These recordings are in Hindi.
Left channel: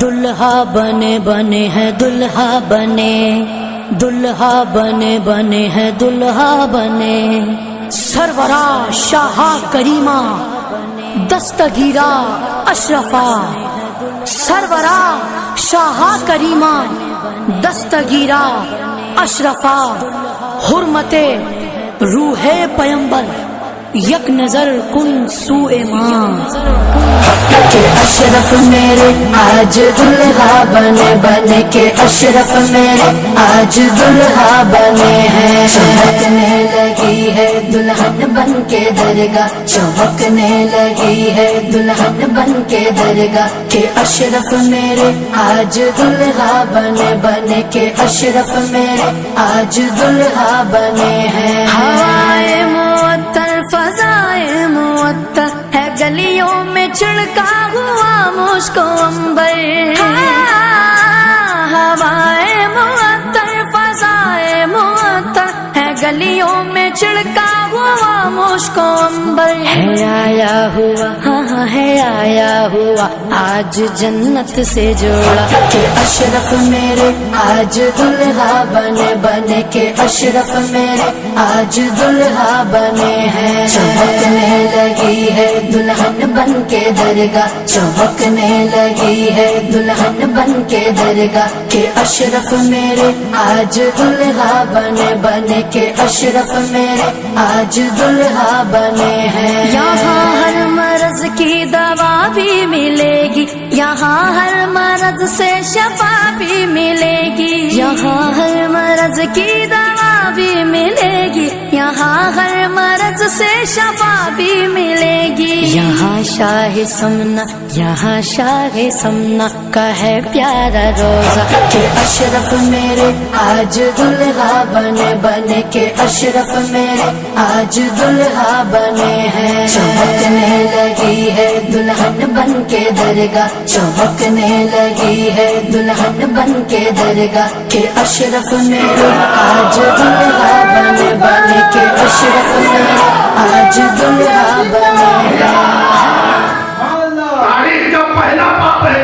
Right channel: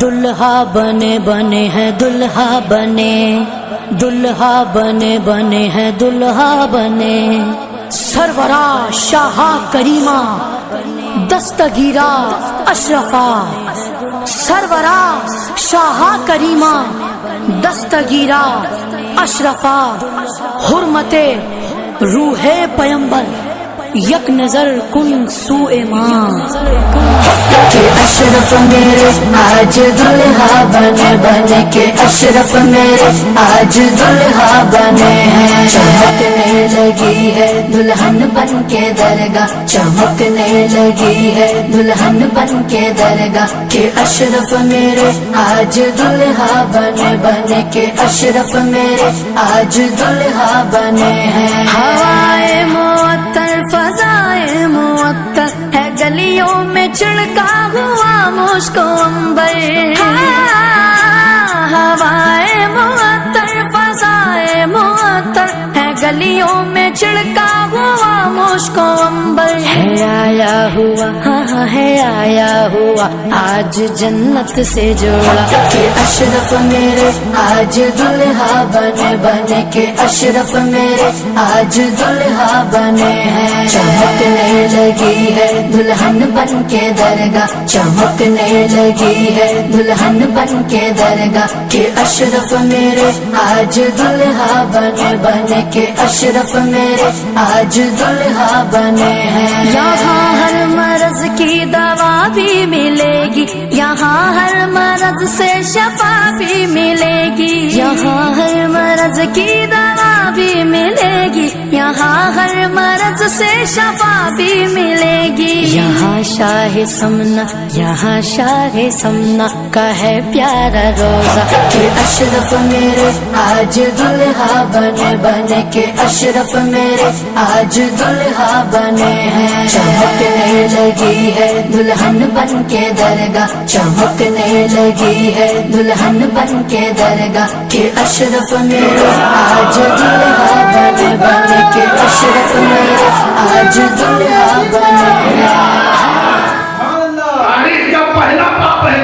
दुल्हा बने बने हैं दुल्हा बने, दुल्हा बने बने हैं दुल्हा बने। सरवरा शाहा करीमा दस्तगीरा अशरफा, सरवरा शाहा करीमा दस्तगीरा अशरफा। हुर्मते रूहे पैगंबर यक नजर कुन सुए मां। के अशरफ मेरे आज दुल्हा बने, बने के अशरफ मेरे आज दुल्हा बने हैं। चमकने लगी है दुल्हन बन के दरगाह, चमकने लगी है दुल्हन बन के दरगाह। के अशरफ मेरे आज दुल्हा बने, बने के अशरफ मेरे आज दुल्हा बने हैं। हवाए मुअत्तर फजाए मुअत्तर है गलियों में छिड़का हुआ मुझको अंबर। हवाए मुअत्तर फजाए मुअत्तर है गलियों में छिड़का हुआ मुझको अंबर। है आया हुआ हाँ है आया हुआ आज जन्नत से जोड़ा। के अशरफ मेरे आज दुल्हा बने, बने के अशरफ मेरे आज दुल्हा बने हैं। चमकने लगी है दुल्हन बन के दरगाह, चमकने लगी है दुल्हन बन के दरगाह। के अशरफ मेरे आज दुल्हा बने, बने के अशरफ मेरे आज दुल्हा बने हैं। यहाँ हर मर्ज की दवा भी मिलेगी, यहाँ हर मर्ज से शफा भी मिलेगी। यहाँ हर मर्ज की दवा भी मिलेगी, यहाँ हर मर्ज से शफा भी मिलेगी। यहाँ शाह समना, यहाँ शाह समना का है प्यारा रोजा। के अशरफ मेरे आज दुल्हा बने, बने के अशरफ मेरे आज दुल्हा बने हैं। चमकने लगी है दुल्हन बन के दरगाह, चमकने लगी है दुल्हन बन के दरगाह। के अशरफ मेरे आज दुल्हा बने, बने के अशरफ मेरे आज दुल्हा बने हैं। तारीख का पहला पाप है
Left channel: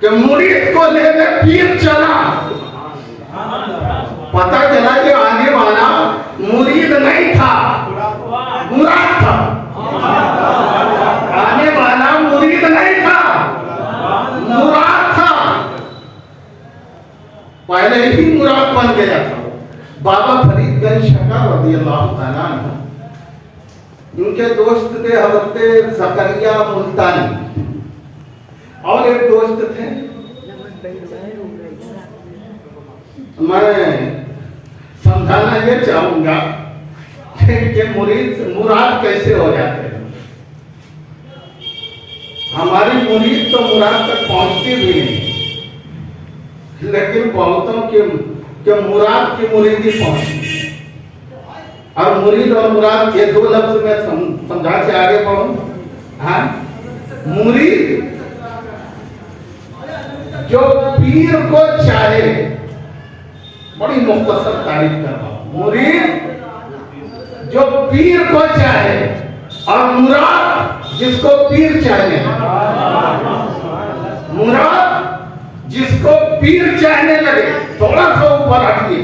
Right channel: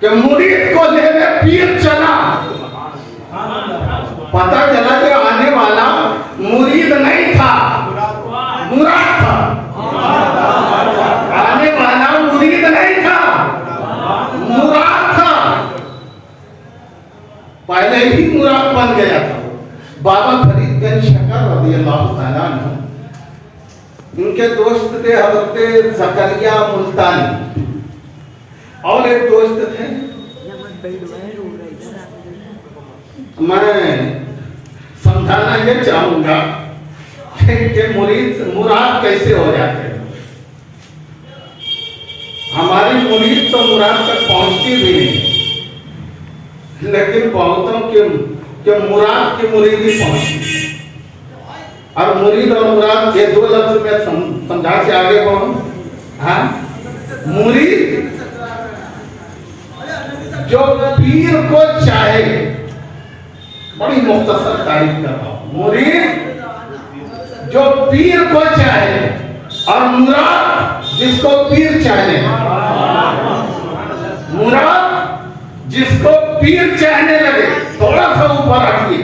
कि मुरीद को लेने पीर चला। पता चला कि आने वाला मुरीद नहीं था, मुराद था। आने वाला मुरीद नहीं था, मुराद था। पहले ही मुराद बन गया था। बाबा फरीदगंज शकर रज़ियल्लाहु ताला अन्हु, उनके दोस्त थे हज़रत ज़करिया मुल्तानी, और एक दोस्त थे। मैं समझाना ये चाहूंगा कि मुराद कैसे हो जाते हैं। हमारी मुरीद तो मुराद तक पहुंचती भी नहीं, लेकिन बहुतों के मुराद की मुरीदी पहुंचती। और मुरीद और मुराद ये दो लफ्ज में समझा के आगे बढ़ूं। हाँ, मुरीद जो पीर को चाहे, बड़ी मुख्तसर तारीफ कर रहा हूं। मुरीद जो पीर को चाहे, और मुराद जिसको पीर चाहने, मुराद जिसको पीर चाहने लगे। थोड़ा सा ऊपर रखिए।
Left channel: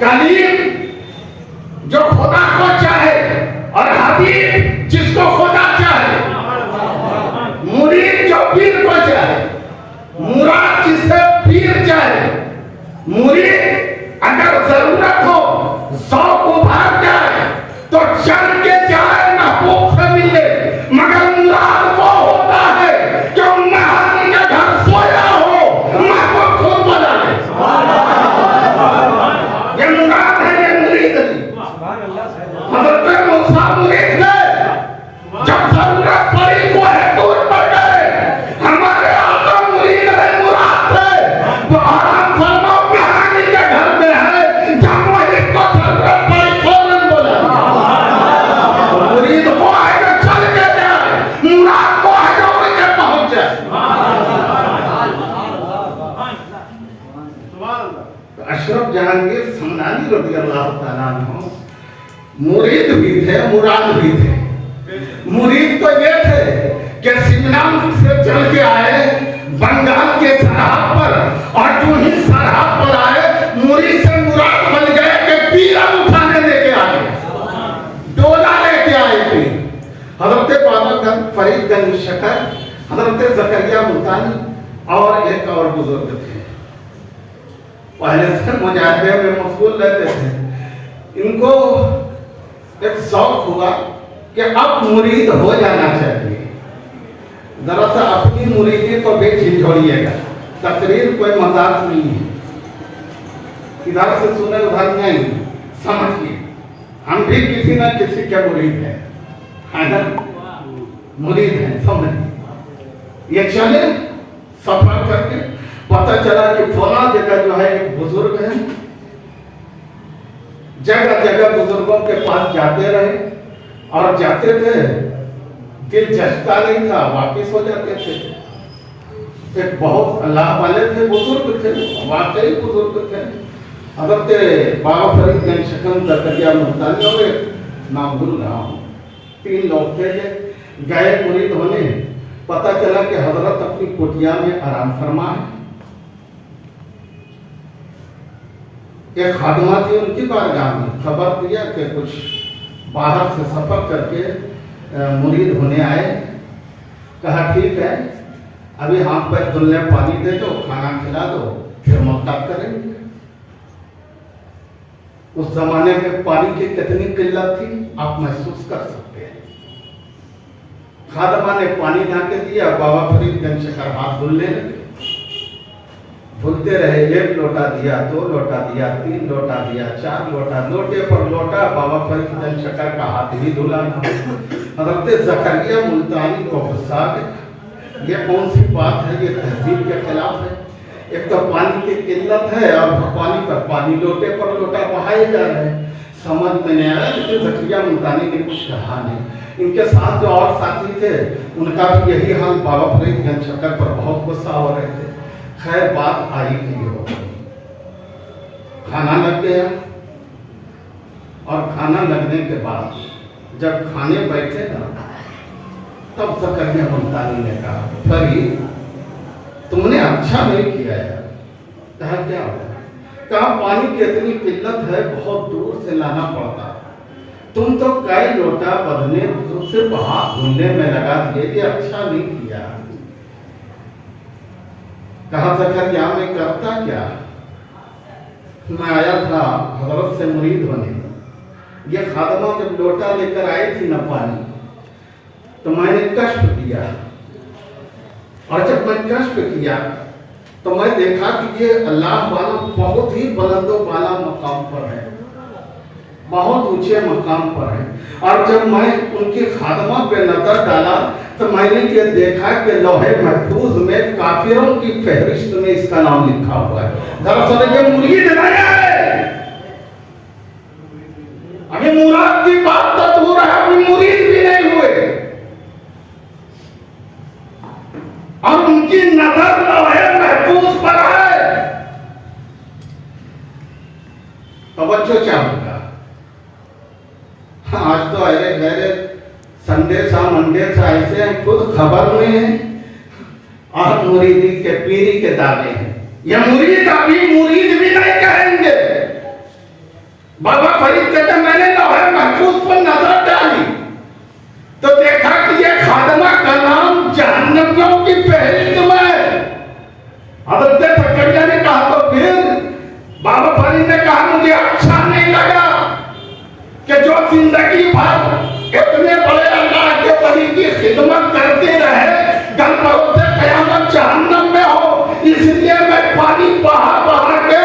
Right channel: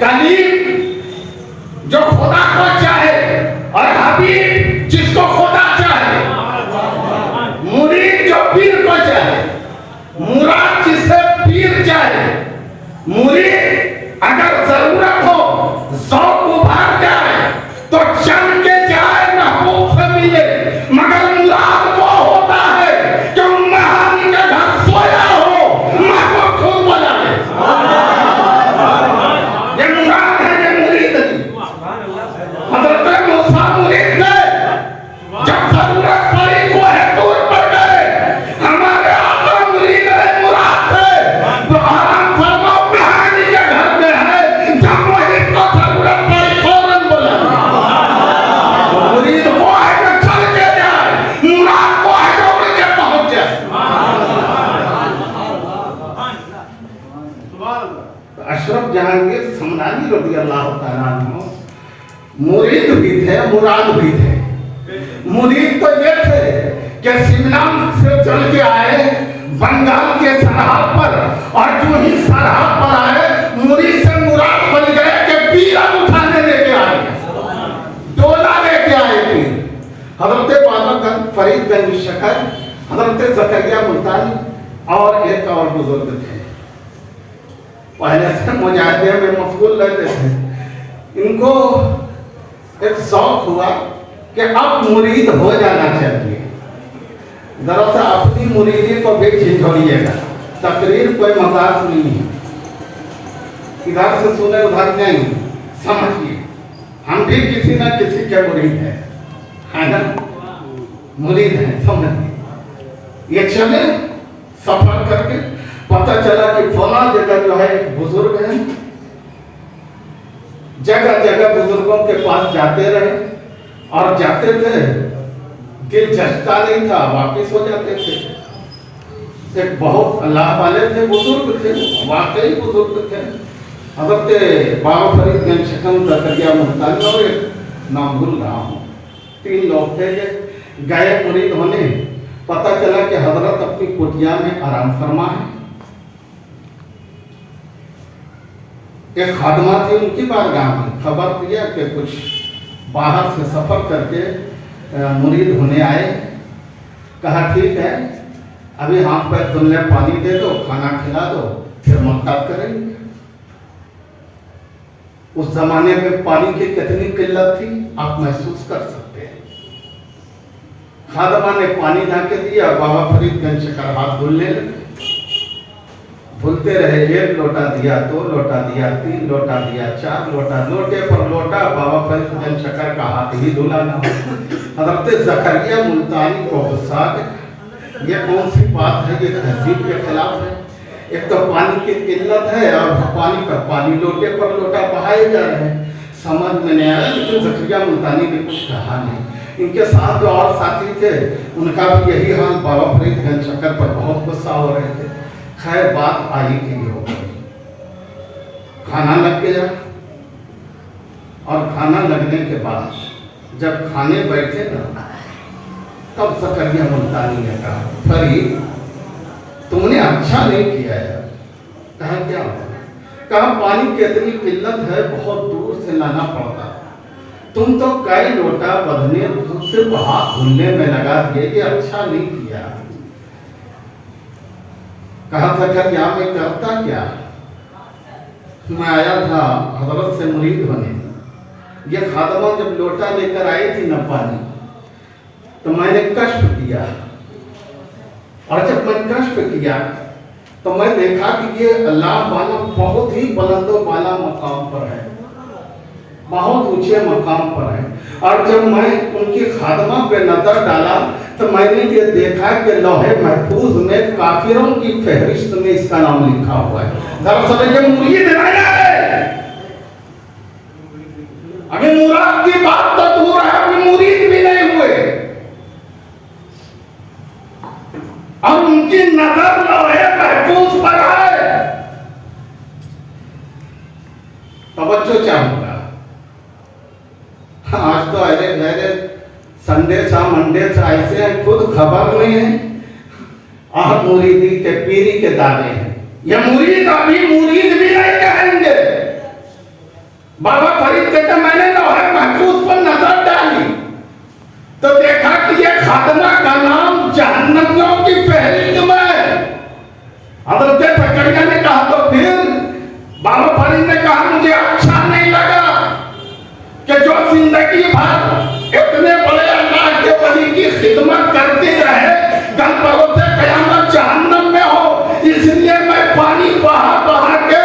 कलीम जो खुदा को चाहे, और हबीब जिसको खुदा चाहे। मुरीद जो पीर को चाहे, मुराद जिससे पीर चाहे। मुरीद अगर जरूरत हो, शौक उभार जाए तो चल के जाए, महबूब से मिले। मगर मुराद वो होता है कि मेहमान के घर सोया हो, महबूब खूब बजा ले। ये मुराद है, ये मुरीद नहीं। हज़रत मूसा मुरीद थे, जब जरूरत पड़ी कोहे दूर पड़ गए। हमारे आका मुरीद है, मुराद थे। तो आराम फरमाओ, कहानी के घर में है, जब मुरीद को जरूरत पड़ी फौरन बोला। तो मुरीद वो है जो चल के जाए, मुराद वो है जो उड़ के पहुंच जाए। तो अशरफ जहांगीर समदानी रज़ियल्लाहु ताला अन्हु मुरीद भी थे, मुराद भी थे। मुरीद तो ये थे कि शिमला से चल के आए बंगाल के सरहद पर, और जो ही सरहद पर आए मुरीद से मुराद बन गए कि पीरा उठाने लेके आए, डोला लेके आए थे। हजरत बाबा फरीदगंज शकर, हजरत जकरिया मुल्तानी और एक और बुजुर्ग थे, पहले से मुजाहिदे में मशगूल रहते थे। इनको एक शौक हुआ कि अब मुरीद हो जाना चाहिए। दरअसल अपनी मुरीदी को भी झिझोड़िएगा, तकरीर कोई मजाक नहीं है, इधर से सुने उधर नहीं, समझिए हम भी किसी न किसी के मुरीद है ना, मुरीद है, समझिए। ये चले सफर करके पता चला कि फला जगह जो है एक बुजुर्ग है, जगह जगह बुजुर्गों के पास जाते रहे, और जाते थे दिल जचता नहीं था, वापिस हो जाते थे। एक बहुत अल्लाह वाले थे, बुजुर्ग थे, वाकई बुजुर्ग थे। हजरत बाबा फरीदगंज शकम जकरिया मुल्तानी और एक नाम भूल रहा हूँ, 3 लोग थे कि गए मुरीद होने। पता चला कि हजरत अपनी कुटिया में आराम फरमा है। एक खादमा थी उनकी बारगाह में, खबर दिया कि कुछ बाहर से सफर करके मुरीद होने आए। कहा ठीक है, अभी हाथ पैर धुलने पानी दे दो, खाना खिला दो, फिर मुलाकात करेंगे। उस जमाने में पानी की कितनी किल्लत थी आप महसूस कर सकते हैं। खादमा ने पानी ढाके दिया, बाबा फरीदगंज शकर हाथ धुलने लगे, धुलते रहे। 1 लोटा दिया, 2 लोटा दिया, 3 लोटा दिया, 4 लोटा, लोटे पर लोटा, बाबा फरीदगंज शकर का हाथ ही धुला ना। हजरत जकरिया मुल्तानी को गुस्सा गया, ये कौन सी बात है, ये तहजीब के खिलाफ है। एक तो पानी की किल्लत है और पानी पर पानी, लोटे पर लोटा बहाए जा रहे हैं, समझ में नहीं आया। लेकिन जकरिया मुल्तानी ने कुछ कहा नहीं। इनके साथ जो और साथी थे उनका भी यही हाल, बाबा फरीदगंज शकर पर बहुत गुस्सा हो रहे थे। खैर बात आई कि हो गई, खाना लग गया, और खाना लगने के बाद जब खाने बैठे ना, तब जकरिया मुल्तानी ने कहा फरीद तुमने अच्छा नहीं किया यार। कहा क्या होगा? कहा पानी की इतनी किल्लत है, बहुत दूर से लाना पड़ता, तुम तो कई लोटा बदने सिर्फ हाथ धुलने में लगा दिए, ये अच्छा नहीं किया। कहा जकरिया मैं करता क्या, मैं आया था हजरत से मुरीद होने, ये खादमा जब लोटा लेकर आई थी ना पानी, तो मैंने कष्ट किया, और जब मैंने कष्ट किया तो मैं देखा कि ये अल्लाह वाला बहुत ही बुलंदो वाला मकाम पर है, बहुत ऊंचे मकाम पर है। और जब मैं उनकी खादमा पे नजर डाला तो मैंने ये देखा कि लौहे महफूज में काफिरों की फहरिस्त में इसका नाम लिखा हुआ है। दरअसल ये मुरीद नहीं है, अभी मुराद की बात तो दूर है, अभी मुरीद भी नहीं हुए, और उनकी नजर लौहे महफूज पर है। तवज्जो चाहूंगा। आज तो अरे गहरे संडे सा मंडे सा ऐसे हैं, खुद खबर नहीं है, और मुरीदी के पीरी के दावे हैं। ये मुरीद अभी मुरीद भी नहीं कहेंगे। बाबा फरीद कहते मैंने लौहे महफूज पर नजर डाली तो देखा कि ये खादमा का नाम जहन्नमियों की फहरिस्त में। हजरत जकरिया ने कहा तो फिर बाबा फरीद ने कहा मुझे अच्छा नहीं लगा कि जो जिंदगी भर इतने बड़े अल्लाह के वली की खिदमत करते रहे, कल परोसे कयामत जहन्नम में हो, इसलिए मैं पानी बहा बहा के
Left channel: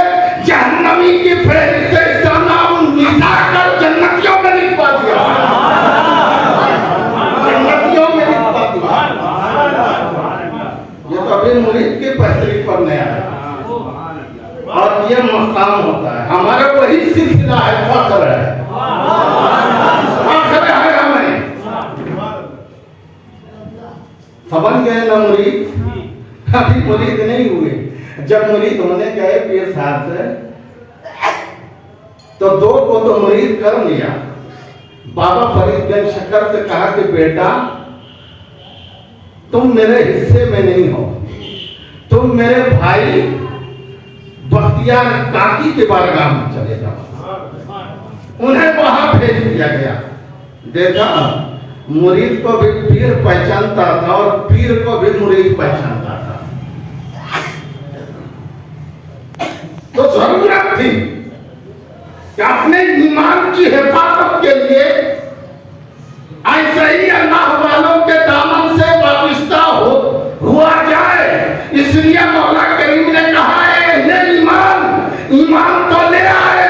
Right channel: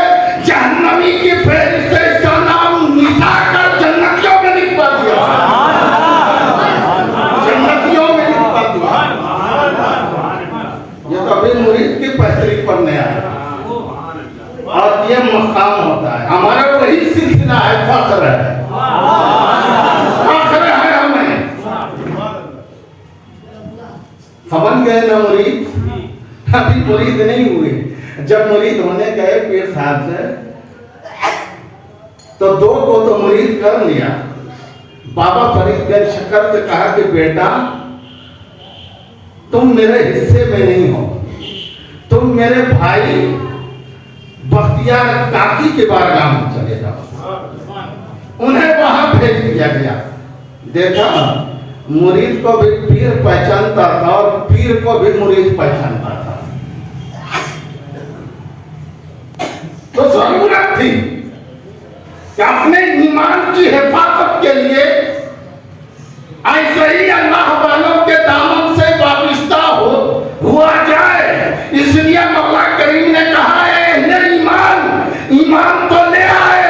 जहन्नमी की फहरिस्त इसका नाम मिटा कर जन्नतियों में लिखवा दिया, जन्नतियों में लिखवा दिया। ये तो अभी मुरीद की पहतरी पर नया है, और ये मकाम होता है हमारा, वही सिलसिला है, फख्र है, फख्र है हमें। समझ गए ना मुरीद? अभी मुरीद नहीं हुए। जब मुरीद होने गए पीर साहब से, तो 2 को तो मुरीद कर लिया, बाबा फरीदगंज शक्कर से कहा कि बेटा तुम मेरे हिस्से में नहीं हो, तुम मेरे भाई बख्तियार काकी के बारगाह में चले जाओ। उन्हें वहां भेज दिया गया। देखा, मुरीद को भी पीर पहचानता था और पीर को भी मुरीद पहचानता था। तो जरूरत थी कि अपने ईमान की हिफाजत के लिए ऐसे ही अल्लाह वालों के दामन से वाबिस्ता हुआ जाए। इसलिए मौला करीम ने कहा है ईमान तो ले आए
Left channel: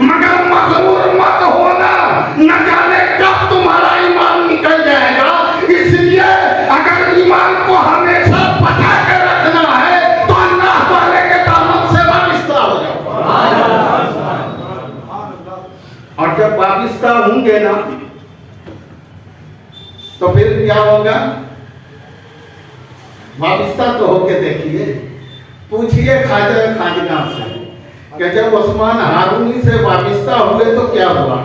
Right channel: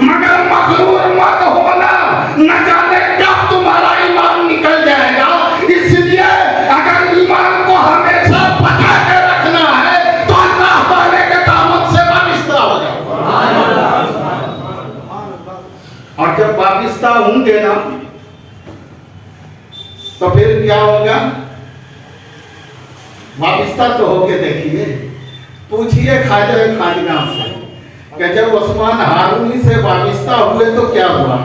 मगर मगरूर मत होना, न जाने कब तुम्हारा ईमान निकल जाएगा। इसलिए अगर ईमान को हमेशा बचा के रखना है तो अल्लाह वाले के दामन से वाबिस्ता हो जाओ। और जब वाबिस्ता होंगे ना तो फिर क्या होगा? वाबिस्ता तो होके देखिए, पूछिए ख्वाजा खानगाह से कि जब उस्मान हारूनी से वाबिस्ता हुए तो क्या हुआ?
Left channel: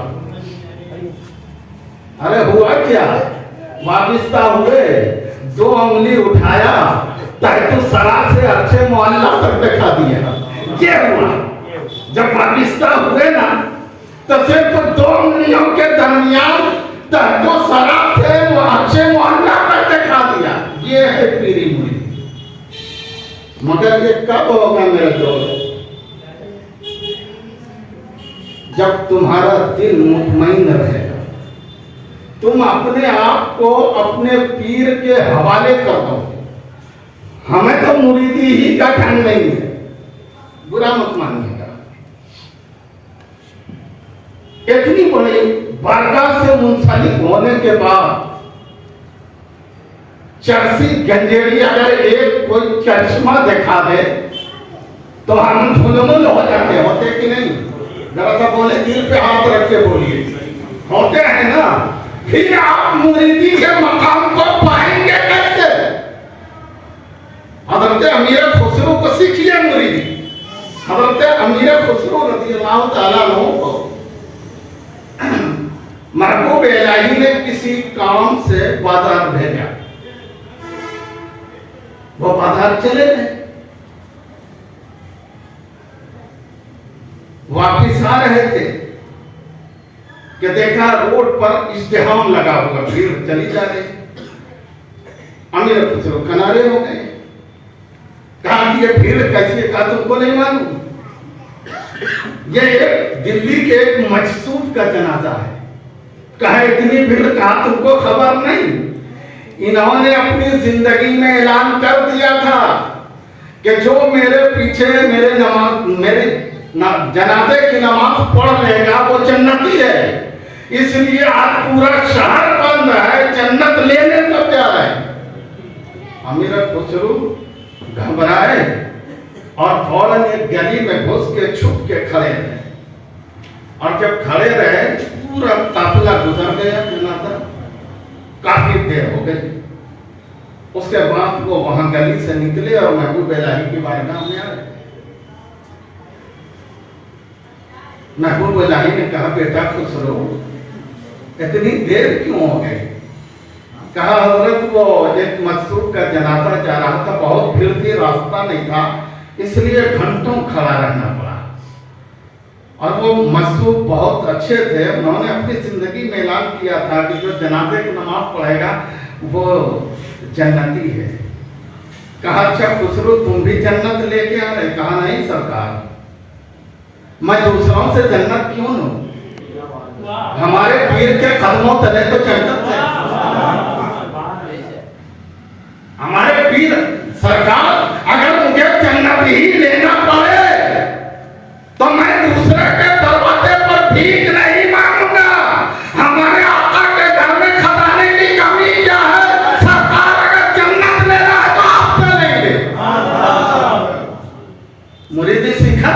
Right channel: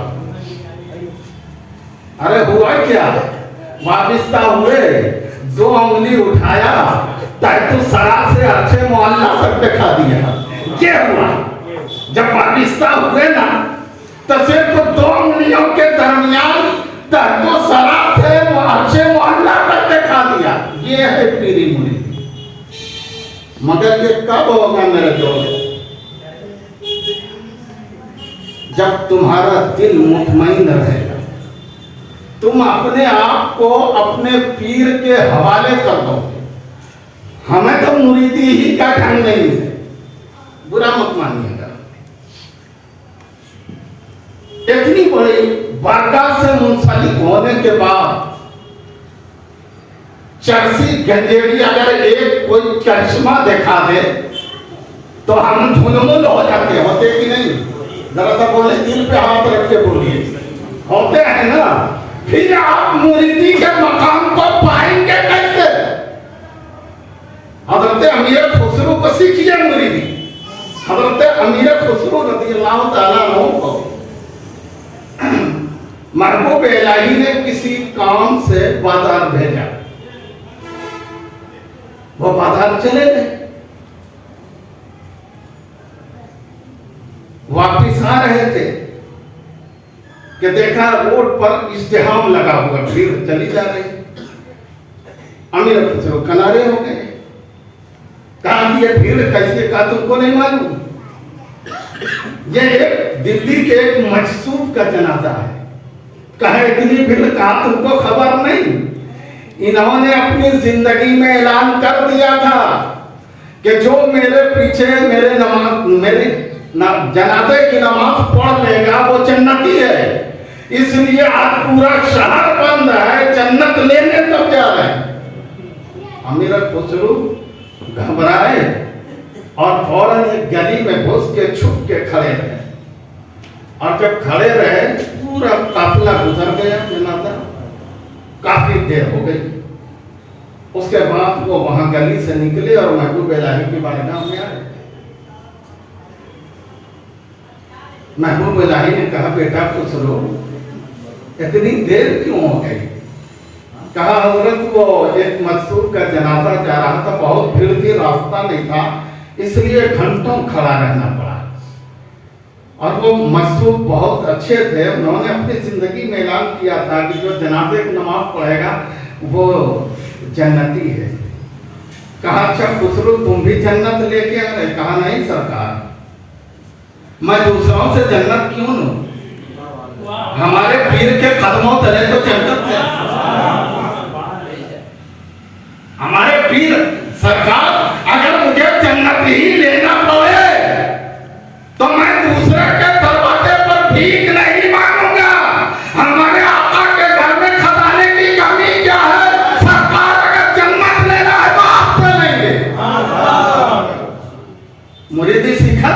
अरे हुआ क्या? वाबिस्ता हुए, 2 उंगली उठाया, तहत सरा से अच्छे मोहल्ला तक दिखा दिया। क्या हुआ? जब वाबिस्ता हुए ना तो सिर्फ 2 उंगलियों के दरमियान तहत सरा से अच्छे मोहल्ला तक दिखा दिया। ये है पीरी मुरीद। मगर ये कब होगा मेरे दोस्त? जब तुम्हारा दिल मुतमईन रहेगा, तुम अपने आप को अपने पीर के हवाले कर दोगे। हमें तो मुरीदी ही का ढंग नहीं है, बुरा मत मानिएगा। इतनी बड़ी बारगाह से मुंसलिक होने के बाद चरसी गंजेड़ी अगर एक कोई चरिश्मा दिखा दे तो हम झुलमुल हो जाते, होते कि नहीं? जरा सा बोले, दिल पे हाथ रख के बोलिए, होते हैं ना? फिर आप मुरीदी के मकाम को पाएंगे कैसे? हजरत अमीर खुसरो को सीखिए मुरीदी। हजरत अमीर खुसरो रज़ियल्लाहु ताला अन्हु को महबूब इलाही ने किसी काम से बाजार भेजा। वो बाजार चले गए, वापिस आ रहे थे कि देखा रोड पर इज्तिहाम लगा हुआ, भीड़ चली जा रही। अमीर खुसरो किनारे हो गए। कहा कि ये भीड़ कैसी? कहा तुमको नहीं मालूम, ये एक दिल्ली के एक मजसूब का जनाजा है। कहा इतनी भीड़? कहा तुमको खबर नहीं? इन्होंने अपनी जिंदगी में ऐलान कर दिया था कि जो मेरे पीछे मेरे जनाजे की नमाज पढ़ लेगा वो जन्नती है। इसलिए आज पूरा शहर बंद है, जन्नत लेने तक जा रहे हैं। अमीर खुसरो घबराए और फौरन एक गली में घुस के छुप के खड़े रहे। और जब खड़े रहे पूरा काफिला गुजर गया जनाजा, काफी देर हो गई। उसके बाद वो वहां गली से निकले और महबूब इलाही की बारगाह में आए। महबूब इलाही ने कहा, बेटा खुसरो इतनी देर क्यों हो गई? कहा हजरत वो एक मजसूब का जनाजा जा रहा था, बहुत भीड़ थी, रास्ता नहीं था, इसलिए घंटों खड़ा रहना पड़ा। और वो मजसूब बहुत अच्छे थे, उन्होंने अपनी जिंदगी में ऐलान किया था कि जो जनाजे की नमाज पढ़ेगा वो जन्नती है। कहा अच्छा खुसरो तुम भी जन्नत लेके आ रहे? कहा नहीं सरकार, मैं दूसरों से जन्नत क्यों लूं? हमारे पीर के कदमों तले तो जन्नत है। हमारे पीर सरकार, अगर मुझे जन्नत ही लेना पड़े तो मैं दूसरे के दरवाजे पर भीख नहीं मांगूंगा। हमारे आका के घर में खजाने की कमी क्या है? सरकार अगर जन्नत लेना है तो आपसे लेंगे। मुरीदी सीखा।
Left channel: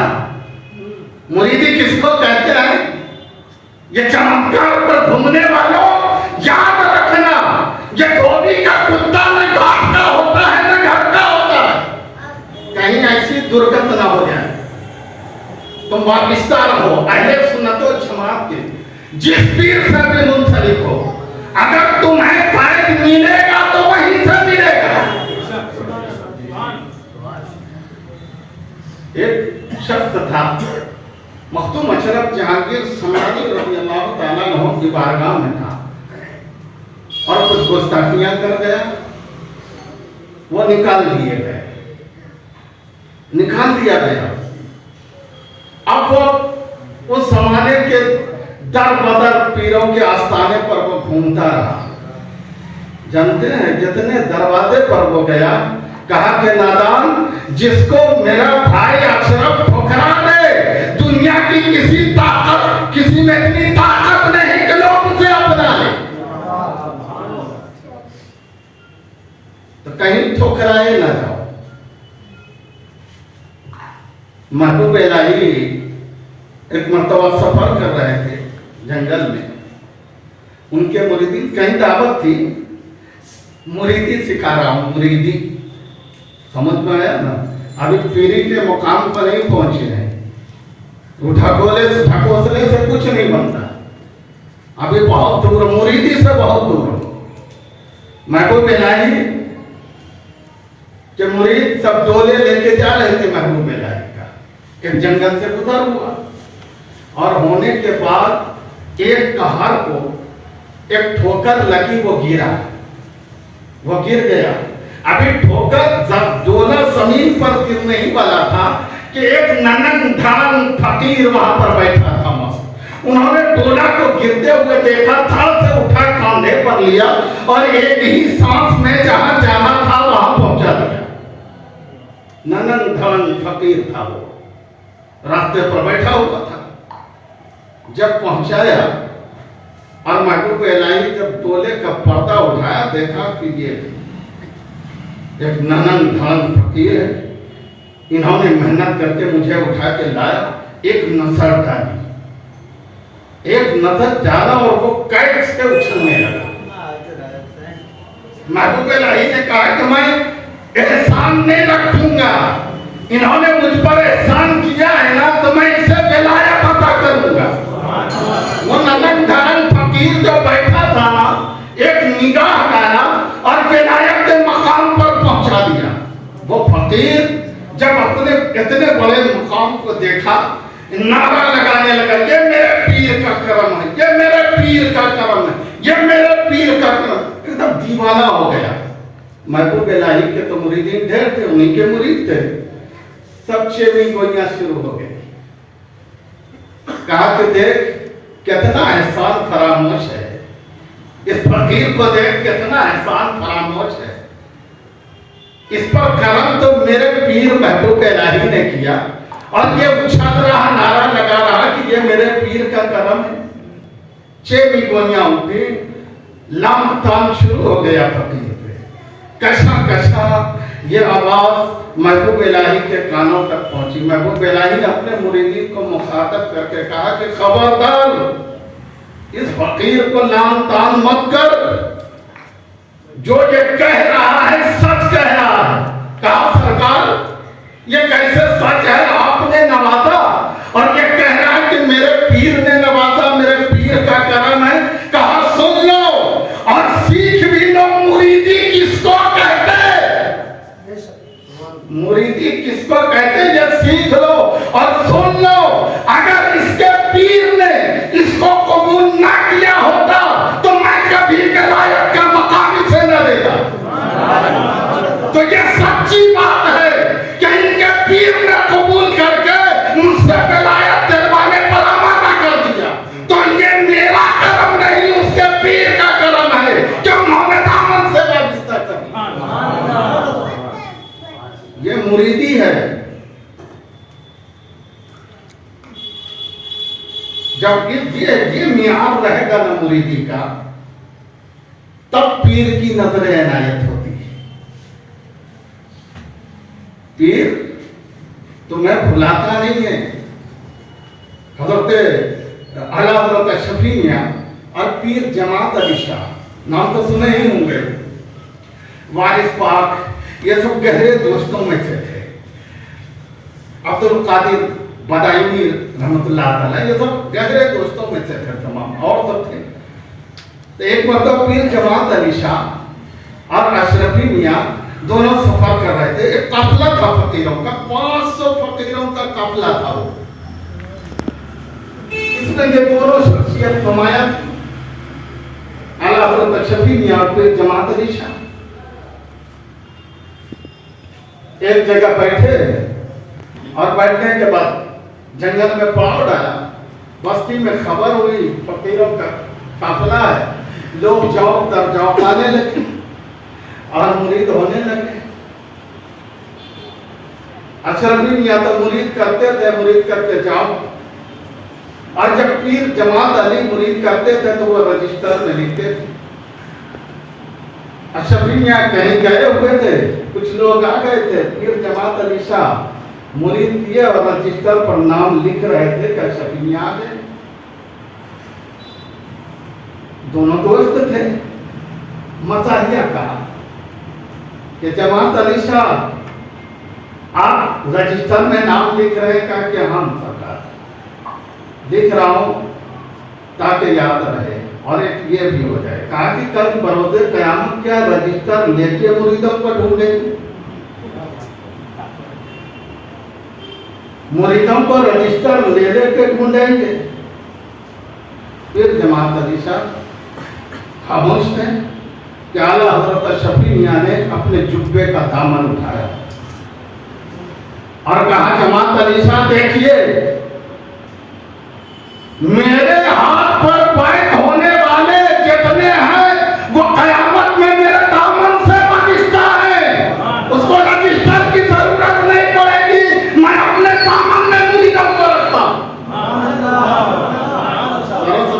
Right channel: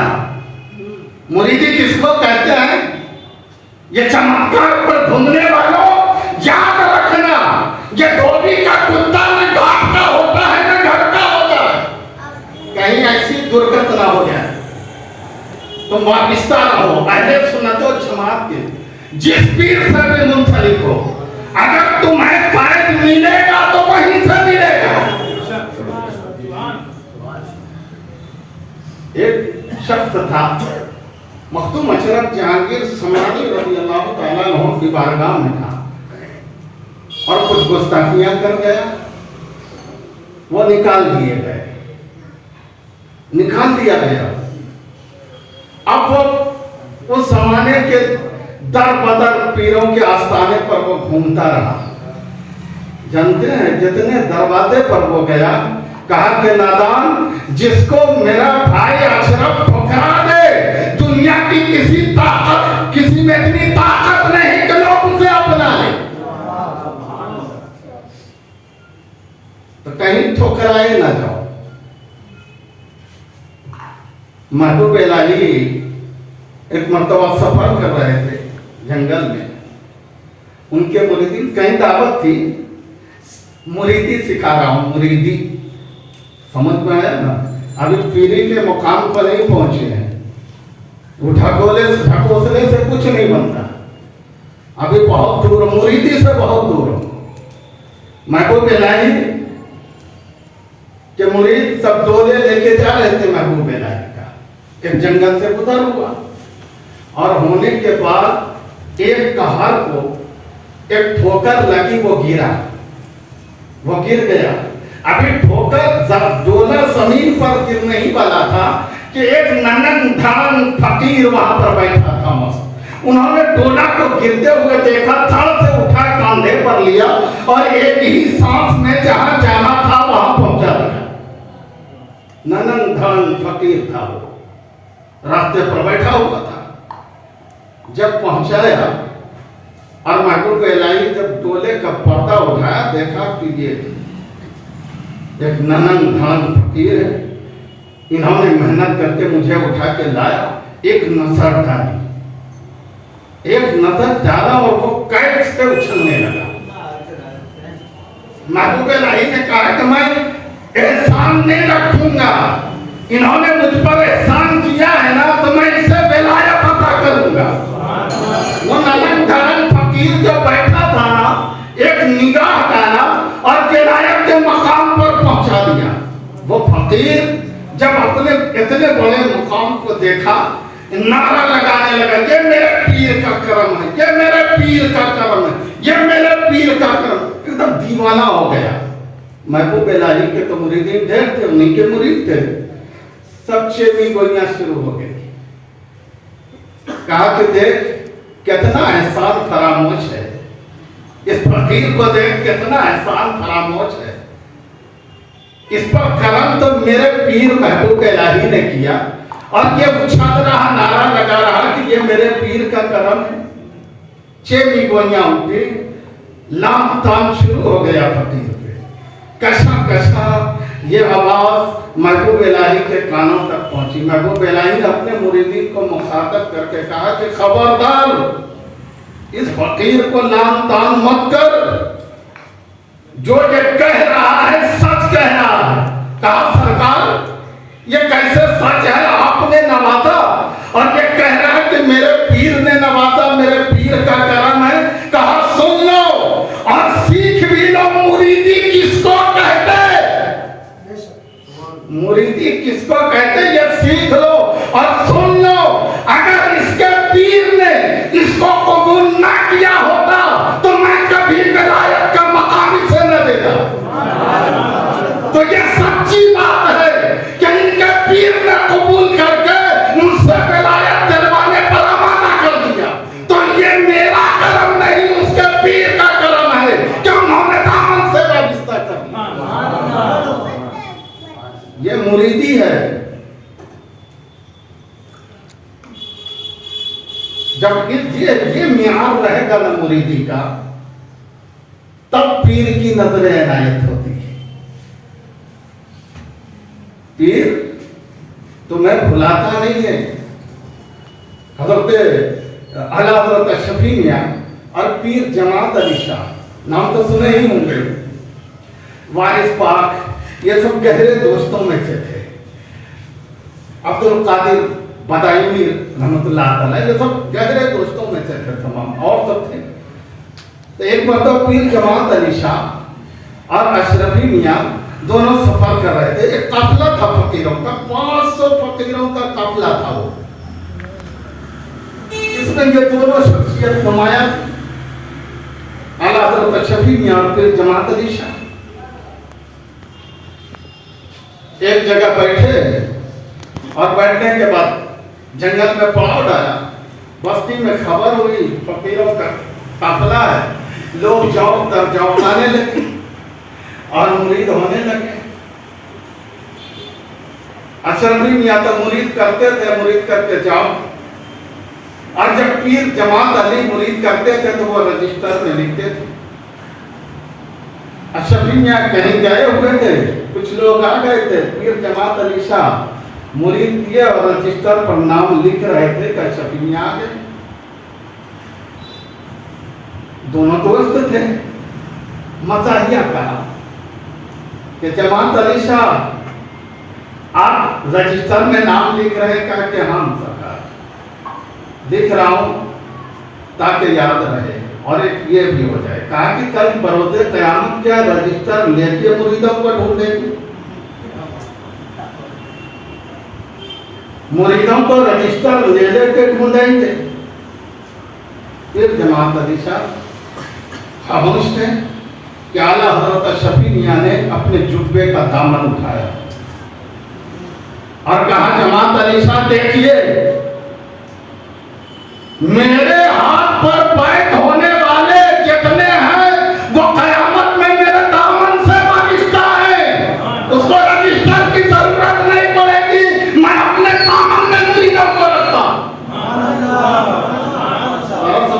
मुरीदी किसको कहते हैं? ये चमत्कार पर घूमने वालों याद रखना, ये धोबी का कुत्ता न घाट का होता है न घर का होता है। कहीं ऐसी दुर्घटना हो जाए तुम वापिस्ता रहो। अहले सुन्नत व जमात के जिस पीर से भी मुंसलिक हो, अगर तुम्हें फर्ज मिलेगा तो वहीं से मिलेगा। एक शख्स था, मखदूम अशरफ जहांगीर समानी रज़ी अल्लाह तआला अन्हु की बारगाह में था और कुछ गुस्ताखियां कर गया, वो निकाल दिए गए, निकाल दिया गया। अब वो उस जमाने के दर बदर पीरों के आस्थाने पर वो घूमता रहा। जानते हैं, जितने दरवाजे पर वो गया, कहा कि नादान, जिसको मेरा भाई अशरफ ठुकरा दे, दुनिया की किसी ताकत, किसी में इतनी ताकत नहीं कि लोग उसे अपना ले। तो कहीं ठुकराए ना जाओ। महबूब इलाही एक मर्तबा सफर कर रहे थे जंगल में, उनके मुरीदीन, कहीं दावत थी, मुरीदी सिखा रहा हूं, मुरीदी समझ में आया ना, अभी पीरी के मुकाम पर नहीं पहुंचे हैं, ढकोसले से कुछ नहीं बनता, अभी बहुत दूर, मुरीदी से बहुत दूर। महबूब इलाही के मुरीद सब डोले लेके जा रहे थे महबूब इलाही का, एक जंगल से गुजर हुआ और होने के बाद एक कहर को एक ठोकर लगी, वो गिरा, वो गिर गया। अभी ठोकर जब डोला जमीन पर गिरने ही वाला था कि एक ननन ढान फकीर वहां पर बैठा था मस्त। उन्होंने डोला को गिरते हुए देखा, थड़ से उठा, कांधे पर लिया और एक ही सांस में जहां जाना था वहां पहुंचा दिया। ननन ढान फकीर था, वो रास्ते पर बैठा हुआ था। जब पहुंचाया और महबूब इलाही जब डोले का पर्दा उठाया, देखा कि ये एक ननन धड़न फकीर है, इन्होंने मेहनत करके मुझे उठा के लाया। एक नजर डाली, एक नजर डाला और वो कैद से उछलने लगा। महबूब इलाही ने कहा कि मैं एहसान नहीं रखूंगा, इन्होंने मुझ पर एहसान किया है ना, तो मैं इससे विलायत अता करूंगा। वो ननन धड़न फकीर जो बैठा था ना, एक निगाह डाला और विलायत के मकाम पर पहुंचा दिया। वो फकीर जब अपने इतने बड़े मकाम को देखा, नारा लगाने लगा, ये मेरे पीर का करम है, ये मेरे पीर का करम है, ये मेरे पीर का करम। एकदम दीवाना हो गया। महबूब इलाही के तो मुरीदीन ढेर थे, उन्हीं के मुरीद थे, सब चेमी गोइयां शुरू हो गई। कहा कि देख कितना एहसान फरामोश है, इस फकीर को देख कितना एहसान फरामोश है, इस पर करम तो मेरे पीर महबूब इलाही ने किया। और ये उछल रहा, नारा लगा रहा कि ये मेरे पीर का करम है। चेमी गोइयां उठी, लाम ताम शुरू हो गया फकीर पे। कशा कशा ये आवाज महबूब इलाही के कानों तक पहुंची। महबूब इलाही ने अपने मुरीदीन को मुखातब करके कहा कि खबरदार, इस फकीर को लाम ताम मत कर, जो ये कह रहा है सच कह रहा है। कहा सरकार, ये कैसे सच है, आपने नवाजा और ये कह रहा है कि मेरे पीर ने नवाजा, मेरे पीर का करम है। कहा सुन लो और सीख भी लो, मुरीदी किसको कहते, मुरीदी किसको कहते, ये सीख लो और सुन लो। अगर इसके पीर ने इसको कबूल ना किया होता तो मैं कभी विलायत का मकाम इसे न देता। तो ये सच्ची बात है कि इनके पीर ने कबूल करके मुझसे विलायत दिलवाने पर आमादा कर दिया। तो ये मेरा करम नहीं, उसके पीर का करम है कि उन्होंने दामन से वाबस्ता कर दिया। ये मुरीदी है। जब ये मियार रहेगा ना मुरीदी का, तब पीर की नजर इनायत होती है। पीर तुम्हें भुलाता नहीं है। हजरत आला हजरत शफी मियां और पीर जमात अली शाह, नाम तो सुने ही होंगे, वारिस पाक, ये सब गहरे दोस्तों में से थे। अब्दुल कादिर बदायूनी रहमतुल्लाह अलैह, ये सब गहरे दोस्तों में से थे तमाम, और सब थे। तो एक मरतबा पीर जमात अली शाह और अशरफी मियाँ दोनों सफर कर रहे थे। एक काफिला था फकीरों का, 500 फकीरों का काफिला था वो। इसमें ये दोनों शख्सियत नुमाया थी, आला हज़रत अशरफी मियाँ और पीर जमात अली शाह। एक जगह बैठे और बैठने के बाद जंगल में पड़ाव डाला। बस्ती में खबर हुई फकीरों का काफिला है, लोग जाओ दर जाओ आने लगे और मुरीद होने लगे। अशरफी मियाँ तो मुरीद करते थे, मुरीद करके जाओ, और जब पीर जमात अली मुरीद करते थे तो वो रजिस्टर में लिखते थे। अशरफी मियाँ कहीं गए हुए थे, कुछ लोग आ गए थे, पीर जमात अली शाह मुरीद किए और रजिस्टर पर नाम लिख रहे थे कि अशरफी मियाँ आ गए। दोनों दोस्त थे। मजाहिया कहा कि जमात अली शाह आप रजिस्टर में नाम लिख रहे हैं? कहा कि हाँ सरकार, लिख रहा हूं ताकि याद रहे और एक ये भी हो जाए। कहा कि कल बरोज़े क़यामत क्या रजिस्टर लेके मुरीदों को ढूंढेंगे? मुरीदों को रजिस्टर ले लेके ढूंढेंगे? फिर जमात अली शाह खामोश थे कि आला हज़रत अशरफी मियाँ ने अपने जुब्बे का दामन उठाया और कहा, जमात अली शाह देखिए, मेरे हाथ पर बैठ होने वाले जितने हैं वो कयामत में मेरे दामन से वाबिस्ता है। उसको रजिस्टर की जरूरत नहीं पड़ेगी, मैं अपने दामन में मुरीदों को रखता।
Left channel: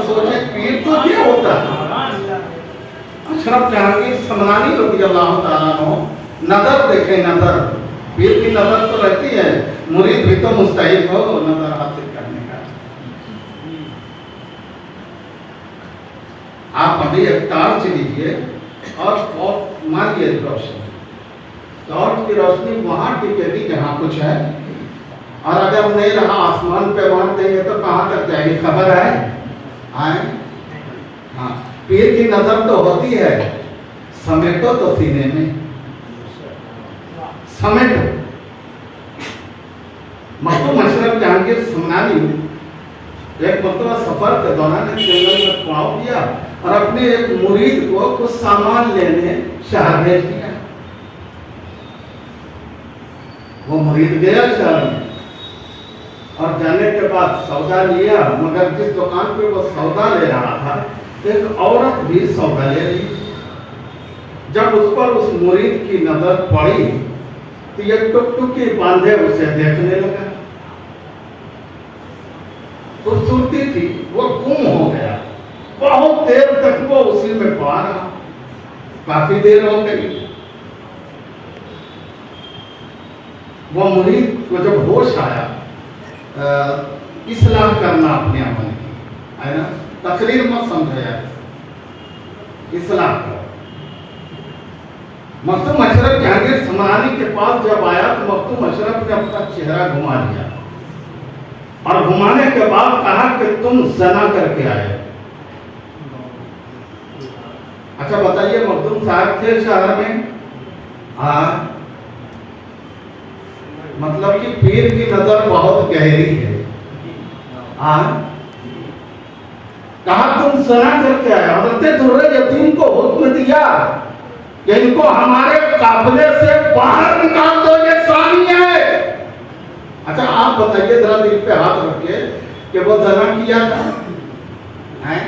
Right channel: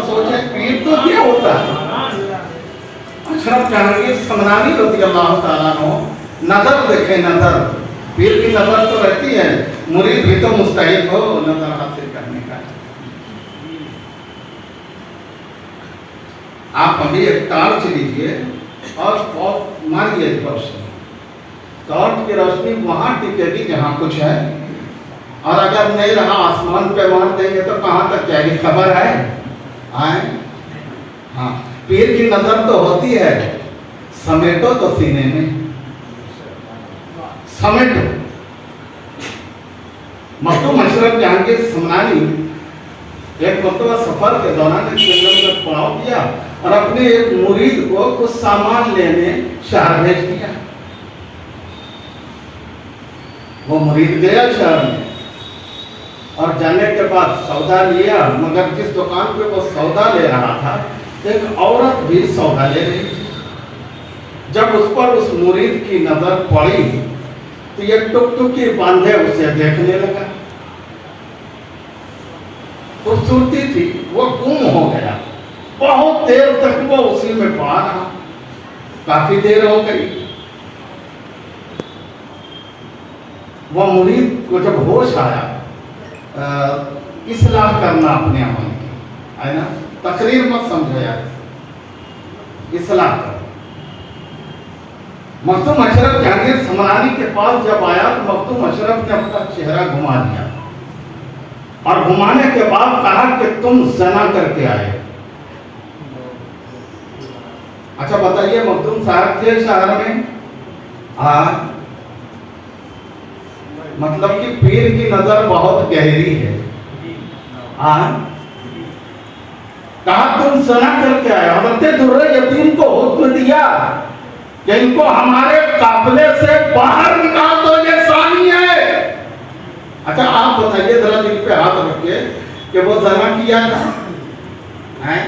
सोचे पीर तो क्या होता है। अशरफ जहांगीर समनानी रज़ी अल्लाह ताला अन्हु, नजर देखे, नजर, पीर की नजर तो रहती है, मुरीद भी तो मुस्तहिक हो नजर हासिल करने का। आप अभी एक टॉर्च लीजिए और मारिए रोशनी, टॉर्च की रोशनी वहां टिकेगी जहां कुछ है, और अगर नहीं रहा आसमान पे मार देंगे तो कहां तक जाएगी? खबर है आए? हाँ, पीर की नजर तो होती है, समेटो तो सीने में, समेटो। मखदूम अशरफ जहांगीर समनानी एक मरतबा सफर के दौरान एक जंगल में पड़ाव किया और अपने एक मुरीद को कुछ सामान लेने शहर भेज दिया। वो मुरीद गया शहर में और जाने के बाद सौदा लिया, मगर जिस दुकान पे वो सौदा ले रहा था एक औरत भी सौदा ले रही। जब उस पर उस मुरीद की नजर पड़ी तो ये टुकटुकी बांधे उसे देखने लगा। खूबसूरती थी, वो गुम हो गया। बहुत देर तक वो उसी में पड़ा रहा, काफी देर हो गई। वो मुरीद को जब होश आया, इस्लाह करना अपने अमल की, है ना, तकरीर मत समझो यार, इस्लाह करो। मखदूम अशरफ जहांगीर समनानी के पास जब आया तो मखदूम अशरफ ने अपना चेहरा घुमा दिया और घुमाने के बाद कहा कि तुम ज़ना करके आए। अच्छा बताइए, मखदूम साहब थे शहर में? हाँ, मतलब कि पीर की नजर बहुत गहरी है। हाँ, कहा तुम ज़ना करके आए। हज़रत दुर्रे यतीम को हुक्म दिया कि इनको हमारे काफिले से बाहर निकाल दो, ये सानी है। अच्छा आप बताइए जरा, दिल पे हाथ रखिए कि वो ज़ना किया था, हैं?